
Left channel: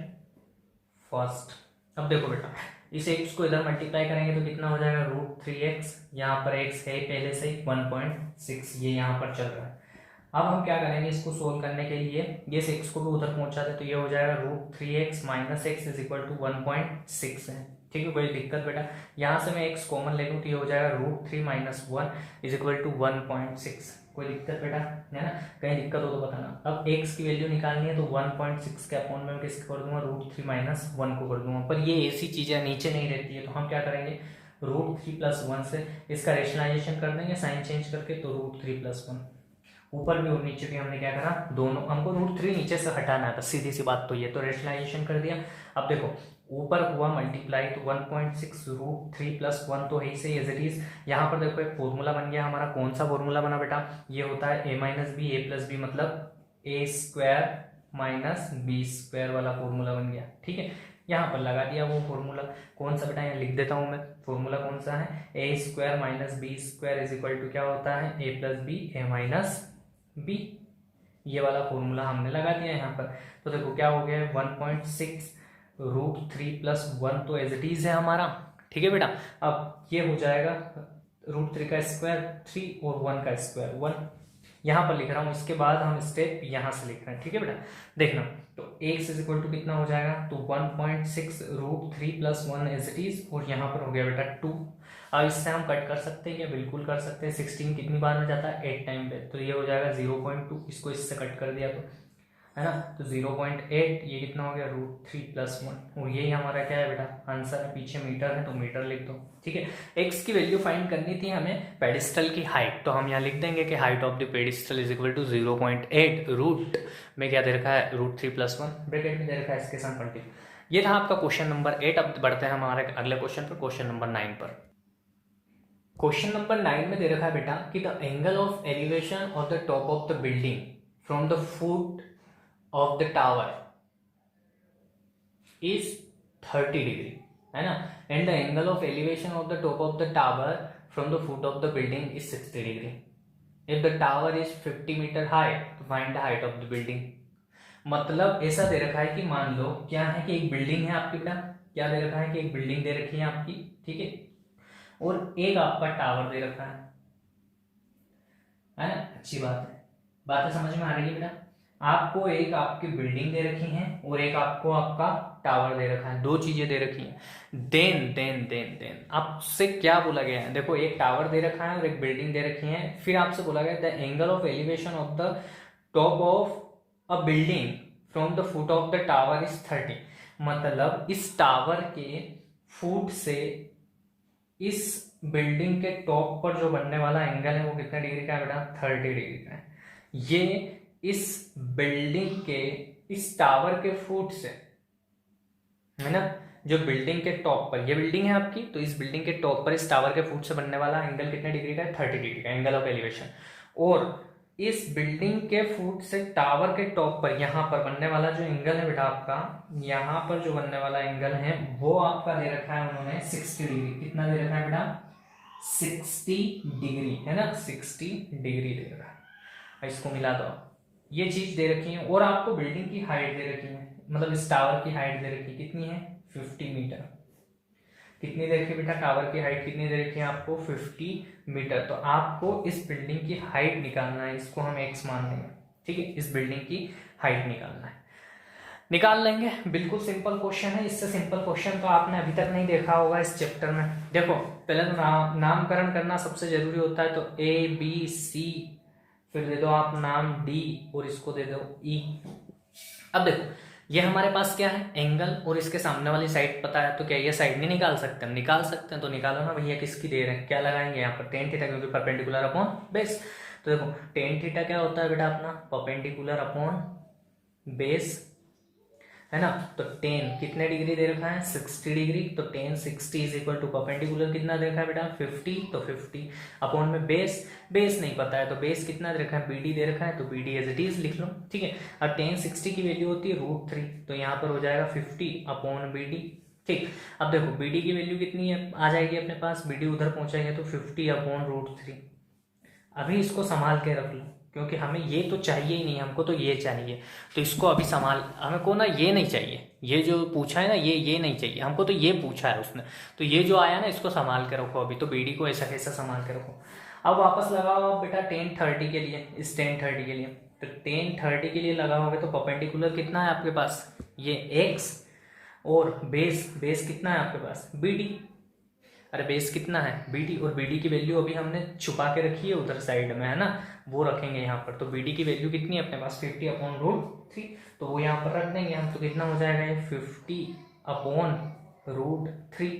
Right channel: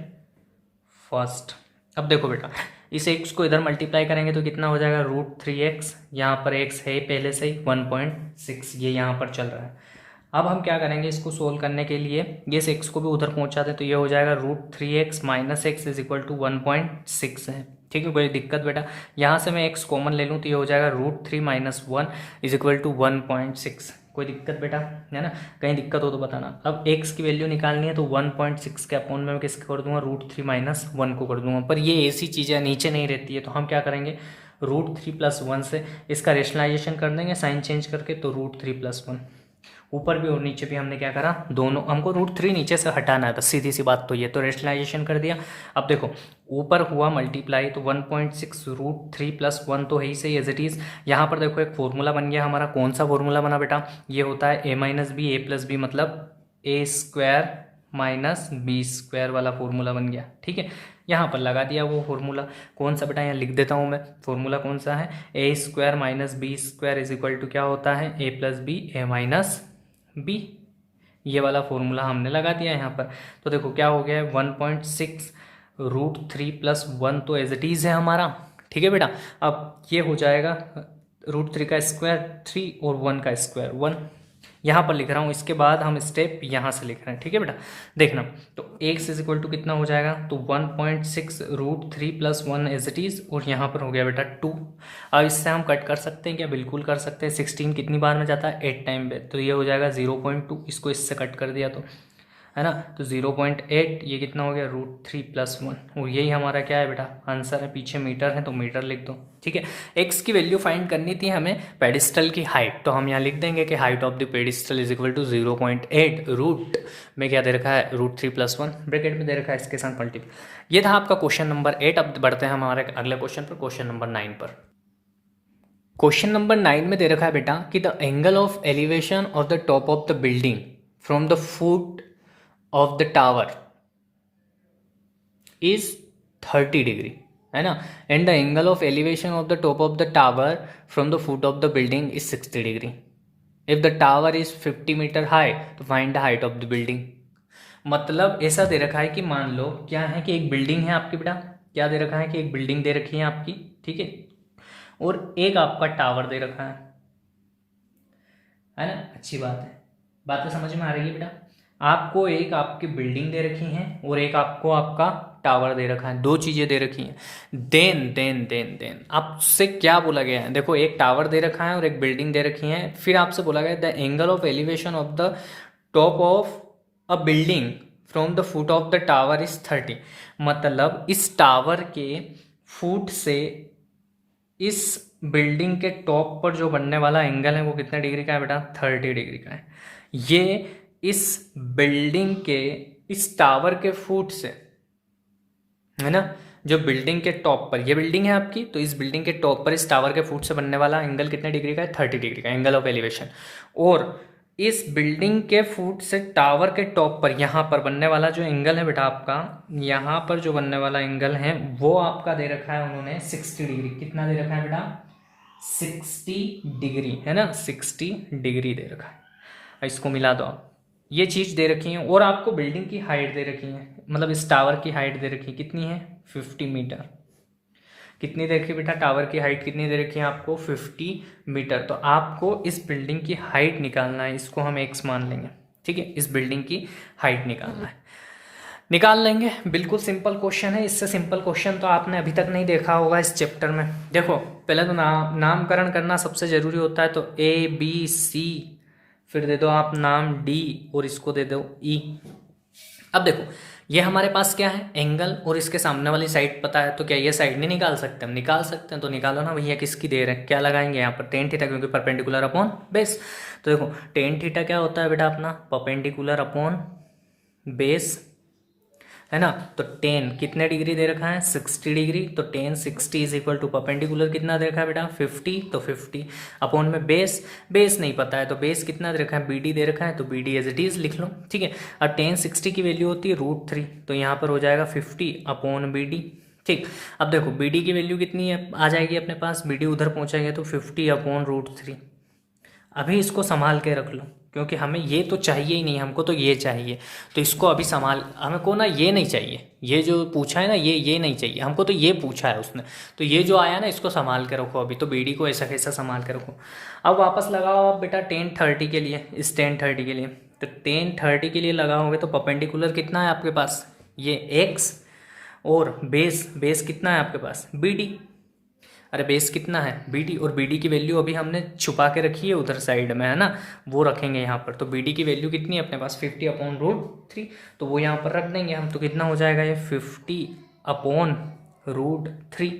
फर्स्ट। अब देखो बेटा, इस x को इधर मल्टीप्लाई करेंगे तो कितना हो जाएगा? √3x। यहाँ पर x है पहले से ही 1.6, ये यहाँ पर चल रहा है। अब हम क्या करेंगे इसको सोल्व करने के लिए? ये इस x को भी उधर पहुँचाते, तो ये हो जाएगा √3x minus x is equal to 1.6 है, ठीक है। कोई दिक्कत बेटा? यहाँ से मैं x कॉमन ले लूँ तो ये हो जाएगा √3 माइनस 1 इज इक्वल टू 1.6। कोई दिक्कत बेटा? है ना, कहीं दिक्कत हो तो बताना। अब x की वैल्यू निकालनी है, तो 1.6 के अपॉन में मैं किसको कर दूंगा? √3 माइनस 1 को कर दूंगा। पर ये ऐसी चीज़ें नीचे नहीं रहती है, तो हम क्या करेंगे? √3 प्लस 1 से इसका रेशनलाइजेशन कर देंगे, साइन चेंज करके, तो √3 प्लस 1। ऊपर भी और नीचे भी हमने क्या करा? दोनों, हमको √3 नीचे से हटाना है, बस सीधी सी बात तो ये। तो रेशनलाइजेशन कर दिया। अब देखो ऊपर हुआ मल्टीप्लाई, तो 1.6 √3 प्लस 1 तो है ही सही एज इट इज़। यहाँ पर देखो एक फॉर्मूला बन गया हमारा। कौन सा फॉर्मूला बना बेटा? ये होता है a minus b, a plus b, मतलब a² माइनस b² वाला फॉर्मूला बन गया, ठीक है। यहाँ पर लगा दिया वो फॉर्मूला। कौन सा बेटा? यहाँ लिख देता हूँ मैं। फॉर्मूला कौन सा है? a² minus b² is equal to क्या होता है? a plus b, a minus b. ये वाला फॉर्मूला हमने लगा दिया यहाँ पर। तो देखो क्या हो गया है? 1.6 √3 प्लस 1 तो एज इट इज़ है हमारा, ठीक है बेटा। अब ये हो जाएगा √3 का स्क्वायर 3 और 1 का स्क्वायर 1। यहाँ पर लिख रहा हूँ, इसके बाद हम स्टेप यहाँ से लिख रहे हैं, ठीक है बेटा। देखना, तो x इज इक्वल टू कितना हो जाएगा? तो 1.6 √3 प्लस 1 एज इट इज़, और यहाँ पर हो गया बेटा 2। अब इससे हम कट कर सकते हैं क्या? बिल्कुल कर सकते हैं। 16 कितनी बार में जाता है? 8 टाइम पे, तो ये हो जाएगा 0.2। इसको इससे कट कर दिया तो, है ना, तो 0.8। ये कितना हो गया? √3 प्लस 1, और यही हमारा क्या है बेटा? आंसर है। पीछे मीटर है तो मीटर लिख दो, ठीक है। x की वैल्यू फाइंड करनी थी हमें पेडिस्टल की हाइट, तो हम यहाँ लिख देंगे कि height of the pedestal is equal to 0.8 root में क्या दे रखा है? √3 प्लस 1 ब्रैकेट में दे रखा है, इसके साथ मल्टीप्लाई। ये था आपका क्वेश्चन नंबर 8। अब बढ़ते हैं हमारे अगले क्वेश्चन पर, क्वेश्चन नंबर 9 पर। क्वेश्चन नंबर 9 में दे रखा है बेटा कि the angle of elevation of the top of the building from the foot of the tower is 30 degree, है ना, and the angle of elevation of the top of the tower from the foot of the building is 60 degree. If the tower is 50 metre high तो find the height of the building. मतलब ऐसा दे रखा है कि मान लो क्या है कि एक बिल्डिंग है आपकी बेटा, क्या दे रखा है कि एक बिल्डिंग दे रखी है आपकी, ठीक है, और एक आपका टावर दे रखा है ना। अच्छी बात है, बातें समझ में आ रही है बेटा। आपको एक आपकी बिल्डिंग दे रखी है और एक आपको आपका टावर दे रखा है, दो चीजें दे रखी हैं। देन देन देन देन आपसे क्या बोला गया है, देखो एक टावर दे रखा है और एक बिल्डिंग दे रखी है, फिर आपसे बोला गया the angle of elevation of the top of a building from the foot of the tower is 30। मतलब इस टावर के फुट से इस बिल्डिंग के टॉप पर जो बनने वाला एंगल है वो कितने डिग्री का है बेटा, 30 डिग्री का है। ये इस बिल्डिंग के इस टावर के फुट से, है ना, जो बिल्डिंग के टॉप पर, ये बिल्डिंग है आपकी, तो इस बिल्डिंग के टॉप पर इस टावर के फुट से बनने वाला एंगल कितने डिग्री का है, 30 डिग्री का एंगल ऑफ एलिवेशन। और इस बिल्डिंग के फुट से टावर के टॉप पर यहाँ पर बनने वाला जो एंगल है बेटा आपका, यहाँ पर जो बनने वाला एंगल है वो आपका दे रखा है उन्होंने 60 डिग्री। कितना दे रखा है बेटा, 60 डिग्री, है ना, 60 डिग्री दे रखा है। इसको मिला दो आप, ये चीज दे रखी है। और आपको बिल्डिंग की हाइट दे रखी है, मतलब इस टावर की हाइट दे रखी है, कितनी है, 50 मीटर। कितनी दे रखी बेटा, टावर की हाइट कितनी दे रखी है आपको, 50 मीटर। तो आपको इस बिल्डिंग की हाइट निकालना है, इसको हम x मान लेंगे, ठीक है, इस बिल्डिंग की हाइट निकालना है, निकाल लेंगे। बिल्कुल सिंपल क्वेश्चन है, इससे सिंपल क्वेश्चन तो आपने अभी तक नहीं देखा होगा इस चैप्टर में। देखो पहले तो नामकरण करना सबसे जरूरी होता है, तो ABC, फिर दे दो आप नाम D और इसको दे दो E। अब देखो ये हमारे पास क्या है, एंगल, और इसके सामने वाली साइड पता है, तो क्या ये साइड नहीं निकाल सकते हम, निकाल सकते हैं। तो निकालो ना भैया, किसकी दे रहे हैं, क्या लगाएंगे यहाँ पर, टेन थीटा, क्योंकि परपेंडिकुलर अपॉन बेस। तो देखो टेन थीटा क्या होता है बेटा अपना, परपेंडिकुलर अपॉन बेस, है ना। तो टेन कितने डिग्री दे रखा है, 60 डिग्री। तो tan 60 is equal to perpendicular कितना दे रखा है बेटा, 50। तो 50 अपॉन में बेस, बेस नहीं पता है तो बेस कितना दे रखा है, BD दे रखा है, तो BD एज इट इज लिख लो, ठीक है। और टेन 60 की वैल्यू होती है √3, तो यहाँ पर हो जाएगा 50 अपॉन BD, ठीक। अब देखो BD की वैल्यू कितनी है, आ जाएगी अपने पास, BD उधर पहुंचाएंगे तो 50 अपॉन √3। अभी इसको संभाल के रख लो, क्योंकि हमें ये तो चाहिए ही नहीं, हमको तो ये चाहिए। तो इसको अभी संभाल, हमको ना ये नहीं चाहिए, ये जो पूछा है ना ये नहीं चाहिए हमको, तो ये पूछा है उसने, तो ये जो आया ना इसको संभाल के रखो अभी। तो BD को ऐसा कैसा संभाल के रखो। अब वापस लगाओ आप बेटा टेन 30 के लिए, इस टेन 30 के लिए, तो टेन 30 के लिए लगाओगे तो परपेंडिकुलर कितना है आपके पास, ये x, और बेस कितना है आपके पास, BD। अरे बेस कितना है, BD, और BD की वैल्यू अभी हमने छुपा के रखी है उधर साइड में, है ना, वो रखेंगे यहाँ पर। तो BD की वैल्यू कितनी है अपने पास, 50 अपॉन √3, तो वो यहाँ पर रख देंगे हम। तो कितना हो जाएगा ये, 50 अपॉन √3,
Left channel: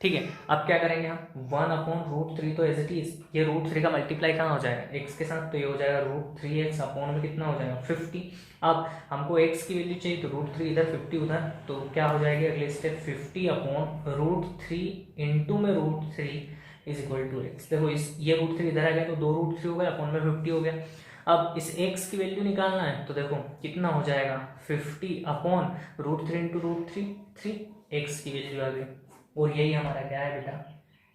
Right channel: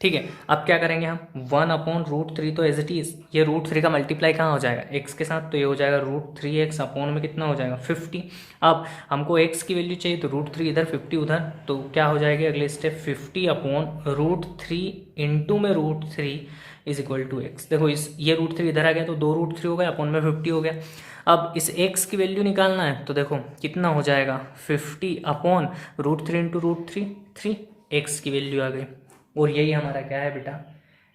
ठीक है। अब क्या करेंगे हम, 1 अपॉन √3, तो एज इट इज ये √3 का मल्टीप्लाई कहाँ हो जाएगा, x के साथ, तो ये हो जाएगा √3x अपॉन में कितना हो जाएगा, 50। अब हमको x की वैल्यू चाहिए, तो √3 इधर 50 उधर, तो क्या हो जाएगा अगले स्टेप, 50 अपॉन √3 इंटू में √3 इज इक्वल टू x। देखो इस ये √3 इधर आ गया तो 2 √3 हो गया, अपॉन में 50 हो गया। अब इस x की वैल्यू निकालना है, तो देखो कितना हो जाएगा, 50 अपॉन √3 इंटू √3, 3x की वैल्यू आ गई। और यही हमारा क्या है बेटा,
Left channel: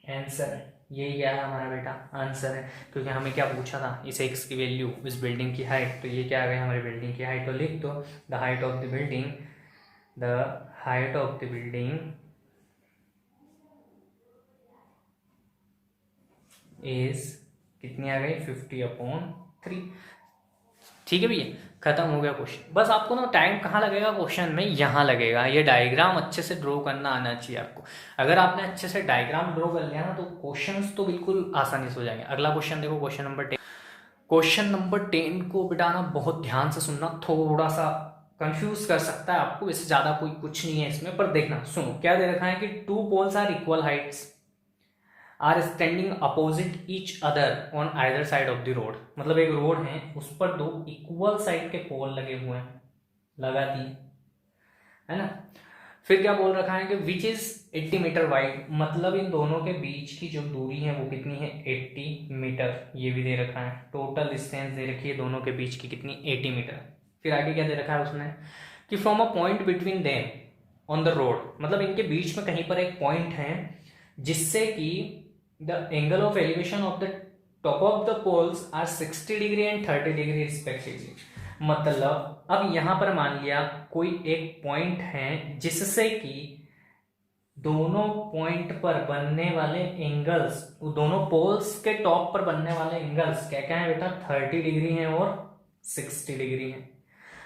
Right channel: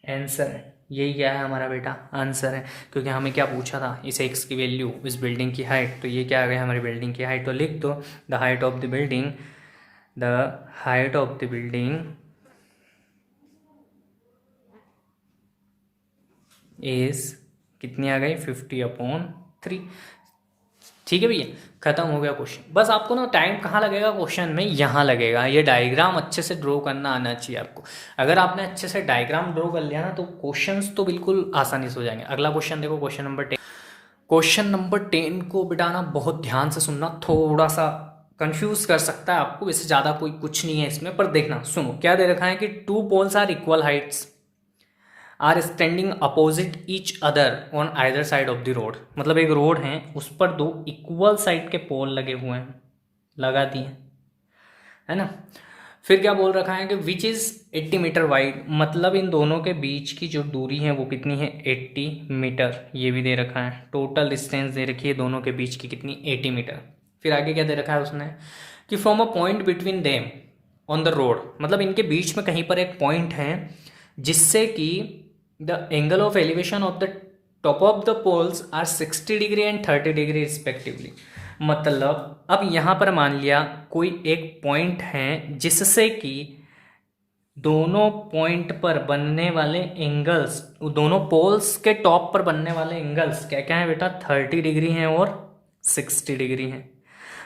आंसर है। यही क्या है हमारा बेटा, आंसर है, क्योंकि हमें क्या पूछा था, इस x की वैल्यू, इस बिल्डिंग की हाइट, तो ये क्या आ गई हमारी बिल्डिंग की हाइट। तो लिख दो the height of the building, the height of the building is कितनी आ गई, 50 अपॉन 3, ठीक है भैया, खत्म हो गया क्वेश्चन। बस आपको ना टाइम कहाँ लगेगा क्वेश्चन में, यहाँ लगेगा। ये डायग्राम अच्छे से ड्रॉ करना आना चाहिए आपको। अगर आपने अच्छे से डायग्राम ड्रॉ कर लिया ना तो क्वेश्चंस तो बिल्कुल आसानी से हो जाएंगे। अगला क्वेश्चन देखो, क्वेश्चन नंबर 10। क्वेश्चन नंबर 10 को बिटाना बहुत ध्यान से सुनना, थोड़ा सा कंफ्यूज कर सकता है आपको, वैसे ज़्यादा कोई कुछ नहीं है इसमें, पर देखना सुनो। क्या दे रखा है कि 2 poles are equal heights are standing opposite each other on either side of the road. मतलब एक रोड है, उस पर 2 इक्वल साइड के पोल लगे हुए हैं, लगा दिए, है ना। फिर क्या बोल रखा है कि विच इज़ 80 मीटर वाइड, मतलब इन दोनों के बीच की जो दूरी है वो कितनी है 80 मीटर, ये भी दे रखा है। टोटल डिस्टेंस दे रखी है दोनों के बीच की कितनी 80 मीटर। फिर आगे क्या दे रखा है उसने कि from a point between them on the road, मतलब इनके बीच में कहीं पर एक पॉइंट है जिससे कि the angle of elevation of the top of the poles are 60 degree and 30 degree respectively. मतलब अब यहाँ पर मान लिया कोई एक पॉइंट है जिससे कि दोनों पॉइंट पर बनने वाले एंगल्स, दोनों पोल्स के टॉप पर बनने वाले एंगल्स क्या क्या है बेटा 30 डिग्री हैं और 60 डिग्री हैं।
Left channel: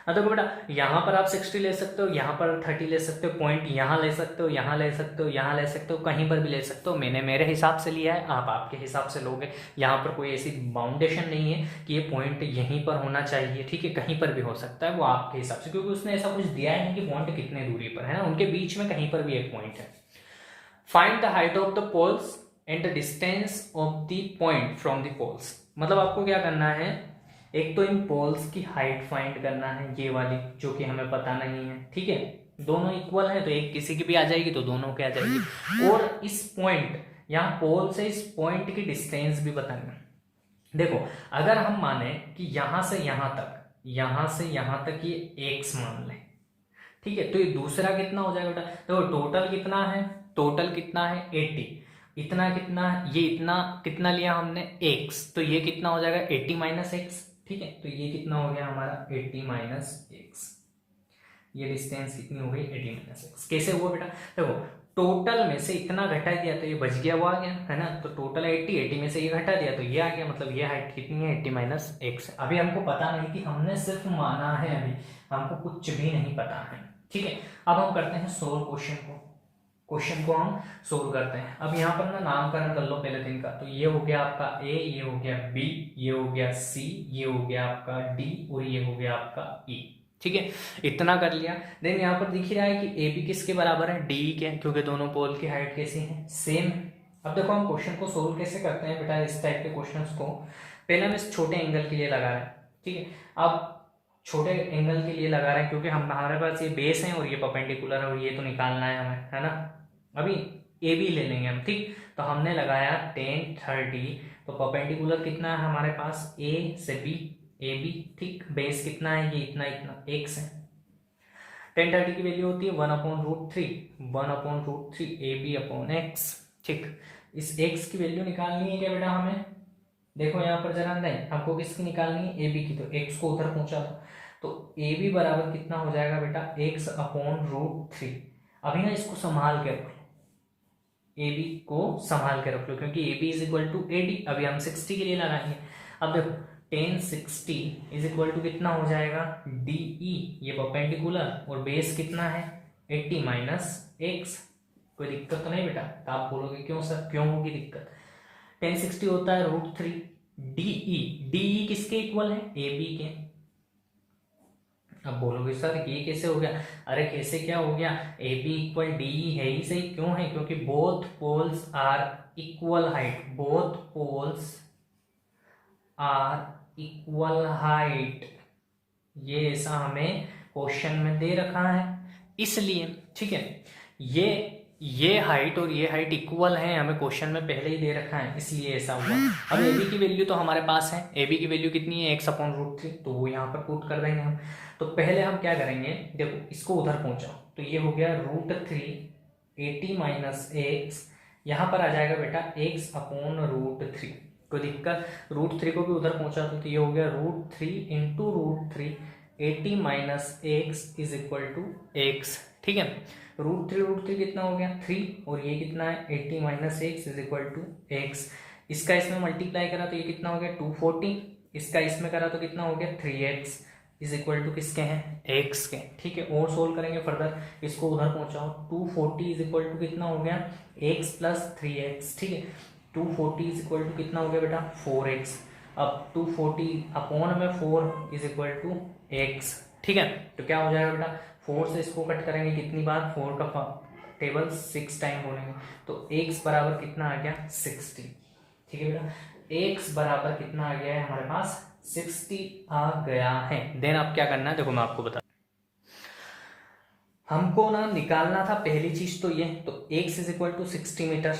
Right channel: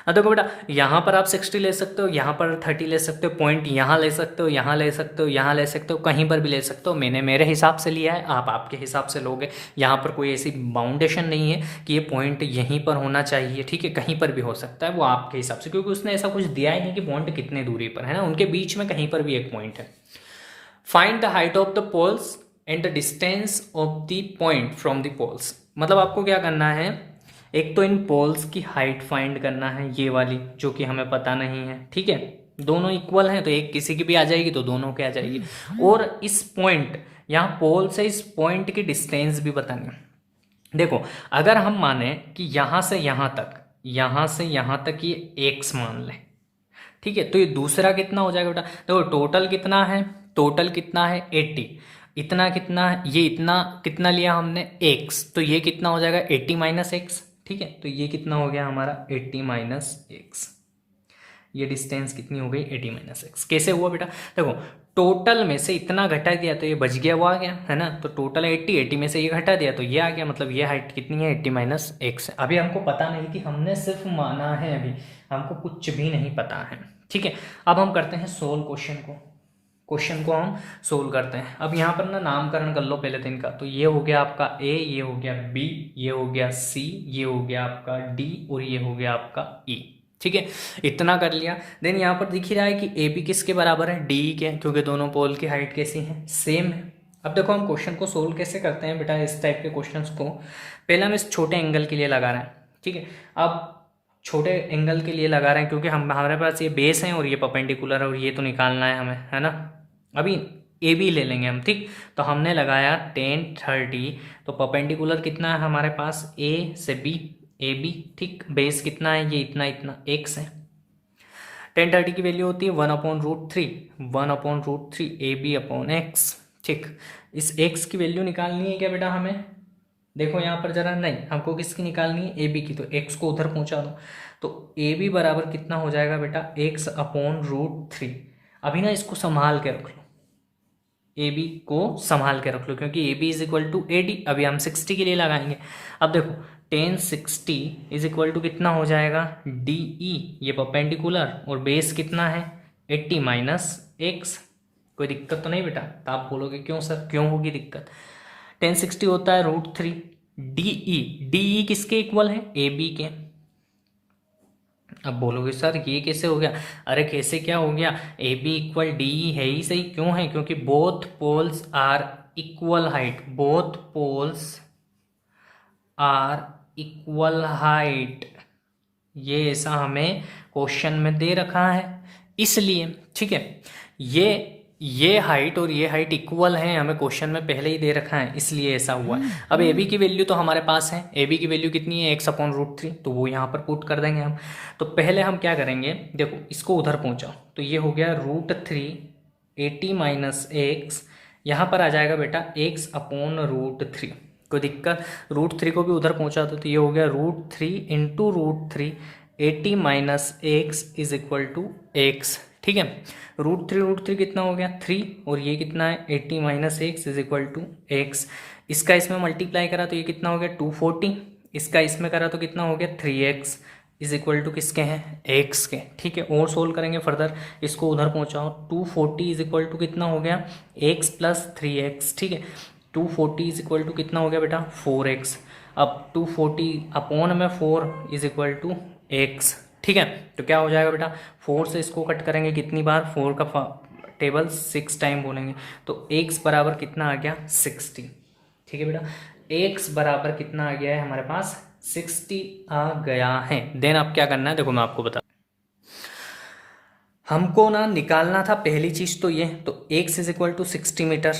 हाँ देखो बेटा यहाँ पर आप 60 ले सकते हो, यहाँ पर 30 ले सकते हो, पॉइंट यहाँ ले सकते हो, यहाँ ले सकते हो, यहाँ ले सकते हो, कहीं पर भी ले सकते हो। मैंने मेरे हिसाब से लिया है, आप आपके हिसाब से लोगे। यहाँ पर कोई ऐसी बाउंडेशन नहीं है कि ये पॉइंट यहीं पर होना चाहिए, ठीक है, कहीं पर भी हो सकता है, वो आपके हिसाब से, क्योंकि उसने ऐसा कुछ दिया ही नहीं कि पॉइंट कितने दूरी पर है ना, उनके बीच में कहीं पर भी एक पॉइंट है। Find the height of the poles and the distance of the point from the poles, मतलब आपको क्या करना है, एक तो इन पोल्स की हाइट फाइंड करना है, ये वाली जो कि हमें पता नहीं है, ठीक है, दोनों इक्वल हैं तो एक किसी की भी आ जाएगी तो दोनों की आ जाएगी। और इस पॉइंट यहाँ पोल से इस पॉइंट की डिस्टेंस भी बतानी है। देखो अगर हम माने कि यहाँ से यहाँ तक, यहाँ से यहाँ तक ये x मान लें, ठीक है, तो ये दूसरा कितना हो जाएगा बेटा, देखो टोटल कितना है, टोटल कितना है 80, इतना कितना है, ये इतना कितना लिया हमने x, तो ये कितना हो जाएगा 80 माइनस एक्स, ठीक है, तो ये कितना हो गया हमारा 80 माइनस एक्स, ये डिस्टेंस कितनी हो गई 80 माइनस एक्स। कैसे हुआ बेटा, देखो टोटल में से इतना घटा दिया तो ये बच गया, वो आ गया है ना, तो टोटल 80 में से ये घटा दिया तो ये आ गया, मतलब ये हाइट कितनी है 80 माइनस एक्स। अभी हमको पता नहीं थी, हमने सिर्फ माना है, अभी हमको कुछ भी नहीं पता है, ठीक है। अब हम करते हैं सोल्व क्वेश्चन को हम सोल्व करते हैं। अब यहाँ पर ना नामकरण कर लो पहले दिन का, तो ये हो गया आपका ए, ये हो गया बी, ये हो गया सी, ये हो गया आपका डी और ये हो गया आपका ई, ठीक है, इतना कर लिया। देन यहाँ पर दिख ही रहा है कि ए बी किसके बराबर है, डी के, क्योंकि दोनों पोल की हाइट कैसी है सेम है। अब देखो हम क्वेश्चन को सोल्व कैसे करते हैं बेटा, इस टाइप के क्वेश्चंस को पहले हम इस छोटे एंगल के लिए लगा रहे हैं, ठीक है। अब छोटे एंगल के लिए लगा रहे हैं क्योंकि हमारे पास ये बेस है और ये परपेंडिकुलर है और ये तो निकालना है हमें, है ना। अभी ए बी ले लेंगे हम, ठीक, तो हमने लगाया 10 30, तो परपेंडिकुलर कितना है हमारे पास ए से बी, ए बी, ठीक, बेस कितना है ये इतना इतना एक्स है। 10 30 की वैल्यू होती है 1/√3, 1/√3 ए बी अपॉन एक्स, ठीक। इस एक्स की वैल्यू निकालनी है क्या बेटा हमें, देखो यहाँ पर जरा, नहीं हमको किसकी निकालनी है ए बी की, तो एक्स को उधर पहुंचा दो, तो ए बी बराबर कितना हो जाएगा बेटा x/√3। अभी ना इसको संभाल के रख लो, ए बी को संभाल के रख लो, क्योंकि A B is equal to A D, अभी हम 60 के लिए लगाएंगे। अब देखो 10 60 इज इक्वल टू कितना हो जाएगा डी ई, ये परपेंडिकुलर, और बेस कितना है 80 माइनस एक्स। कोई दिक्कत तो नहीं बेटा, तो आप बोलोगे क्यों सर, क्यों होगी दिक्कत, 10 60 होता है √3, डी ई किसके इक्वल है ए बी के। अब बोलोगे सर ये कैसे हो गया, अरे कैसे क्या हो गया, A B equal D E है ही सही, क्यों है, क्योंकि both poles are equal height, both poles are equal height, ये ऐसा हमें क्वेश्चन में दे रखा है, इसलिए, ठीक है, ये हाइट और ये हाइट इक्वल है, हमें क्वेश्चन में पहले ही दे रखा है, इसलिए ऐसा हुआ। अब ए बी की वैल्यू तो हमारे पास है, ए बी की वैल्यू कितनी है x/√3, तो वो यहाँ पर पुट कर देंगे हम। तो पहले हम क्या करेंगे, देखो इसको उधर पहुँचाओ, तो ये हो गया √3 80 माइनस एक्स, यहाँ पर आ जाएगा बेटा x/√3, कोई दिक्कत, √3 को भी उधर पहुँचा दो, तो ये हो गया √3 into √3 80 minus x is equal to x, ठीक है। √3 कितना हो गया 3, और ये कितना है 80 minus x is equal to x. इसका इसमें मल्टीप्लाई करा तो ये कितना हो गया 240, इसका इसमें करा तो कितना हो गया 3x इज इक्वल टू किसके हैं x के, ठीक है। और सोल्व करेंगे फर्दर, इसको उधर पहुंचाओ, 240 इज इक्वल टू कितना हो गया x प्लस 3x, ठीक है। 240 इज इक्वल टू कितना हो गया बेटा 4x, अब 240 अपॉन में 4 इज इक्वल टू x, ठीक है। तो क्या हो जाएगा बेटा 4 से इसको कट करेंगे कितनी बार, 4 का टेबल 6 टाइम बोलेंगे, तो x बराबर कितना आ गया 60, ठीक है बेटा, x बराबर कितना आ गया है हमारे पास 60 आ गया है। देन आप क्या करना है, देखो मैं आपको बता, हमको ना निकालना था पहली चीज़ तो ये, तो x is equal to 60 metre.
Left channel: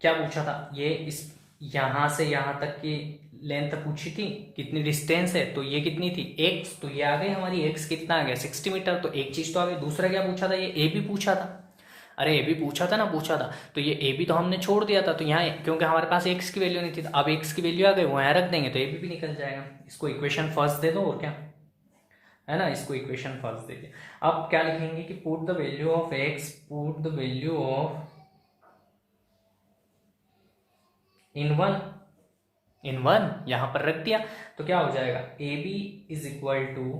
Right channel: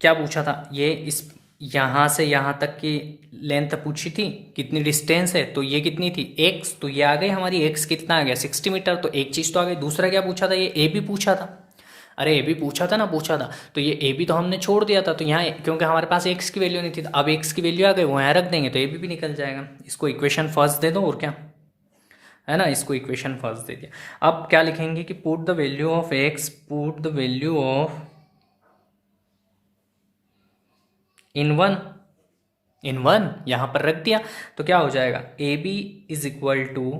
क्या पूछा था ये, इस यहाँ से यहाँ तक की लेंथ पूछी थी, कितनी डिस्टेंस है, तो ये कितनी थी x, तो ये आ गई हमारी x कितना आ गया 60 मीटर, तो एक चीज़ तो आ गई। दूसरा क्या पूछा था, ये a भी पूछा था, अरे ए बी पूछा था ना, पूछा था, तो ये ए बी तो हमने छोड़ दिया था, तो यहाँ क्योंकि हमारे पास एक्स की वैल्यू नहीं थी, तो अब एक्स की वैल्यू आ गई, वो यहाँ रख देंगे तो ए बी भी निकल जाएगा। इसको इक्वेशन फर्स्ट दे दो और क्या है ना, इसको इक्वेशन फर्स्ट दे दिया। अब क्या लिखेंगे कि put the value of x, put the value of in one यहाँ पर रख दिया, तो क्या हो जाएगा A B is equal to,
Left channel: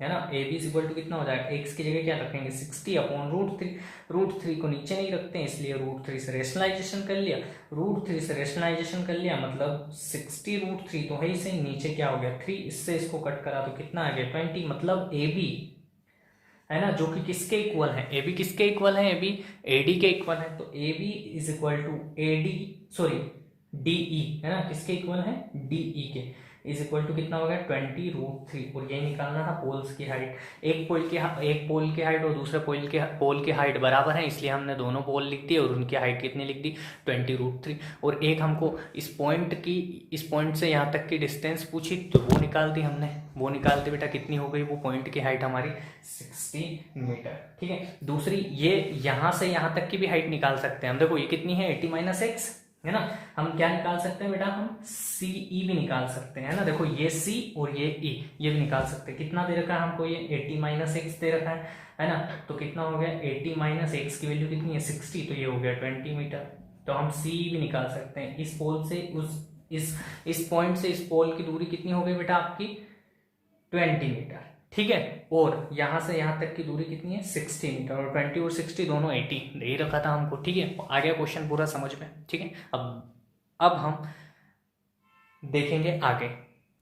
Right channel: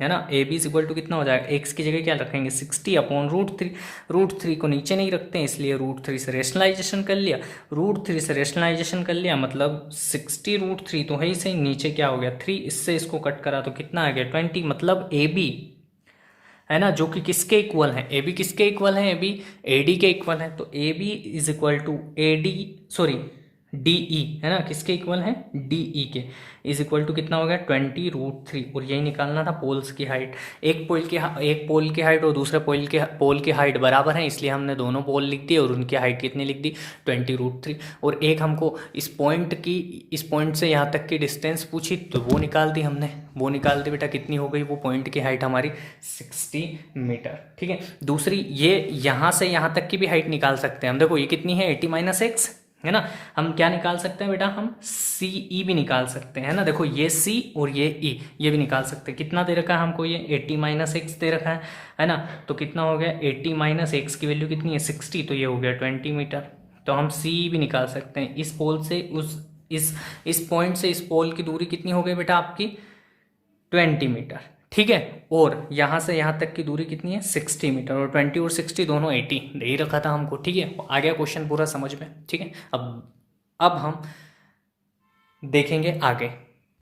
है ना, A B is equal to कितना हो जाएगा, एक्स की जगह क्या रखेंगे 60 अपॉन √3। √3 को नीचे नहीं रखते हैं, इसलिए √3 से रेशनलाइजेशन कर लिया, √3 से रेशनलाइजेशन कर लिया, मतलब 60 √3 तो है ही सही, नीचे क्या हो गया 3, इससे इसको कट करा तो कितना आ गया 20, मतलब ए बी है ना, जो कि किसके इक्वल है, ए बी किसके इक्वल है, ए बी ए डी के इक्वल है, तो A B is equal to A D, sorry D E, है ना, किसके इक्वल है डी ई के, इज इक्वल टू कितना हो गया 20 √3, और यही निकालना था पोल्स की हाइट। एक पोल की हाइट और दूसरे पोल की हाइट बराबर है, इसलिए हमने दोनों पोल लिख दिए और उनकी हाइट कितनी लिख दी 20 √3, और एक हमको इस पॉइंट से यहाँ तक की डिस्टेंस पूछी, तो वो निकाल दी हमने, वो निकाल दी बेटा, कितनी हो गई वो पॉइंट की हाइट हमारी 60 मीटर। ठीक है, दूसरी ये यहाँ से यहाँ तक की भी हाइट निकाल सकते हैं हम, देखो ये कितनी है 80 - x, है ना, हम क्या निकाल सकते हैं बेटा, हम सी ई भी निकाल सकते हैं ना, देखो ये सी और ये ई, ये भी निकाल सकते हैं। कितना दे रखा है हमको, ये 80 - x दे रखा है ना, तो कितना हो गया 80 - x की वैल्यू कितनी है 60, तो ये हो गया 20 मीटर। तो हम सी भी निकाल सकते हैं, इस पोल से इस पॉइंट से इस पोल की दूरी कितनी हो गई बेटा आपकी 20 मीटर। ठीक है, और यहाँ से यहाँ तक की दूरी कितनी है 60 मीटर, और 20 और 60 दोनों 80 दे ही रखा था हमको। ठीक है, आ गया क्वेश्चन पूरा समझ में। ठीक है, अब हम देखेंगे आगे।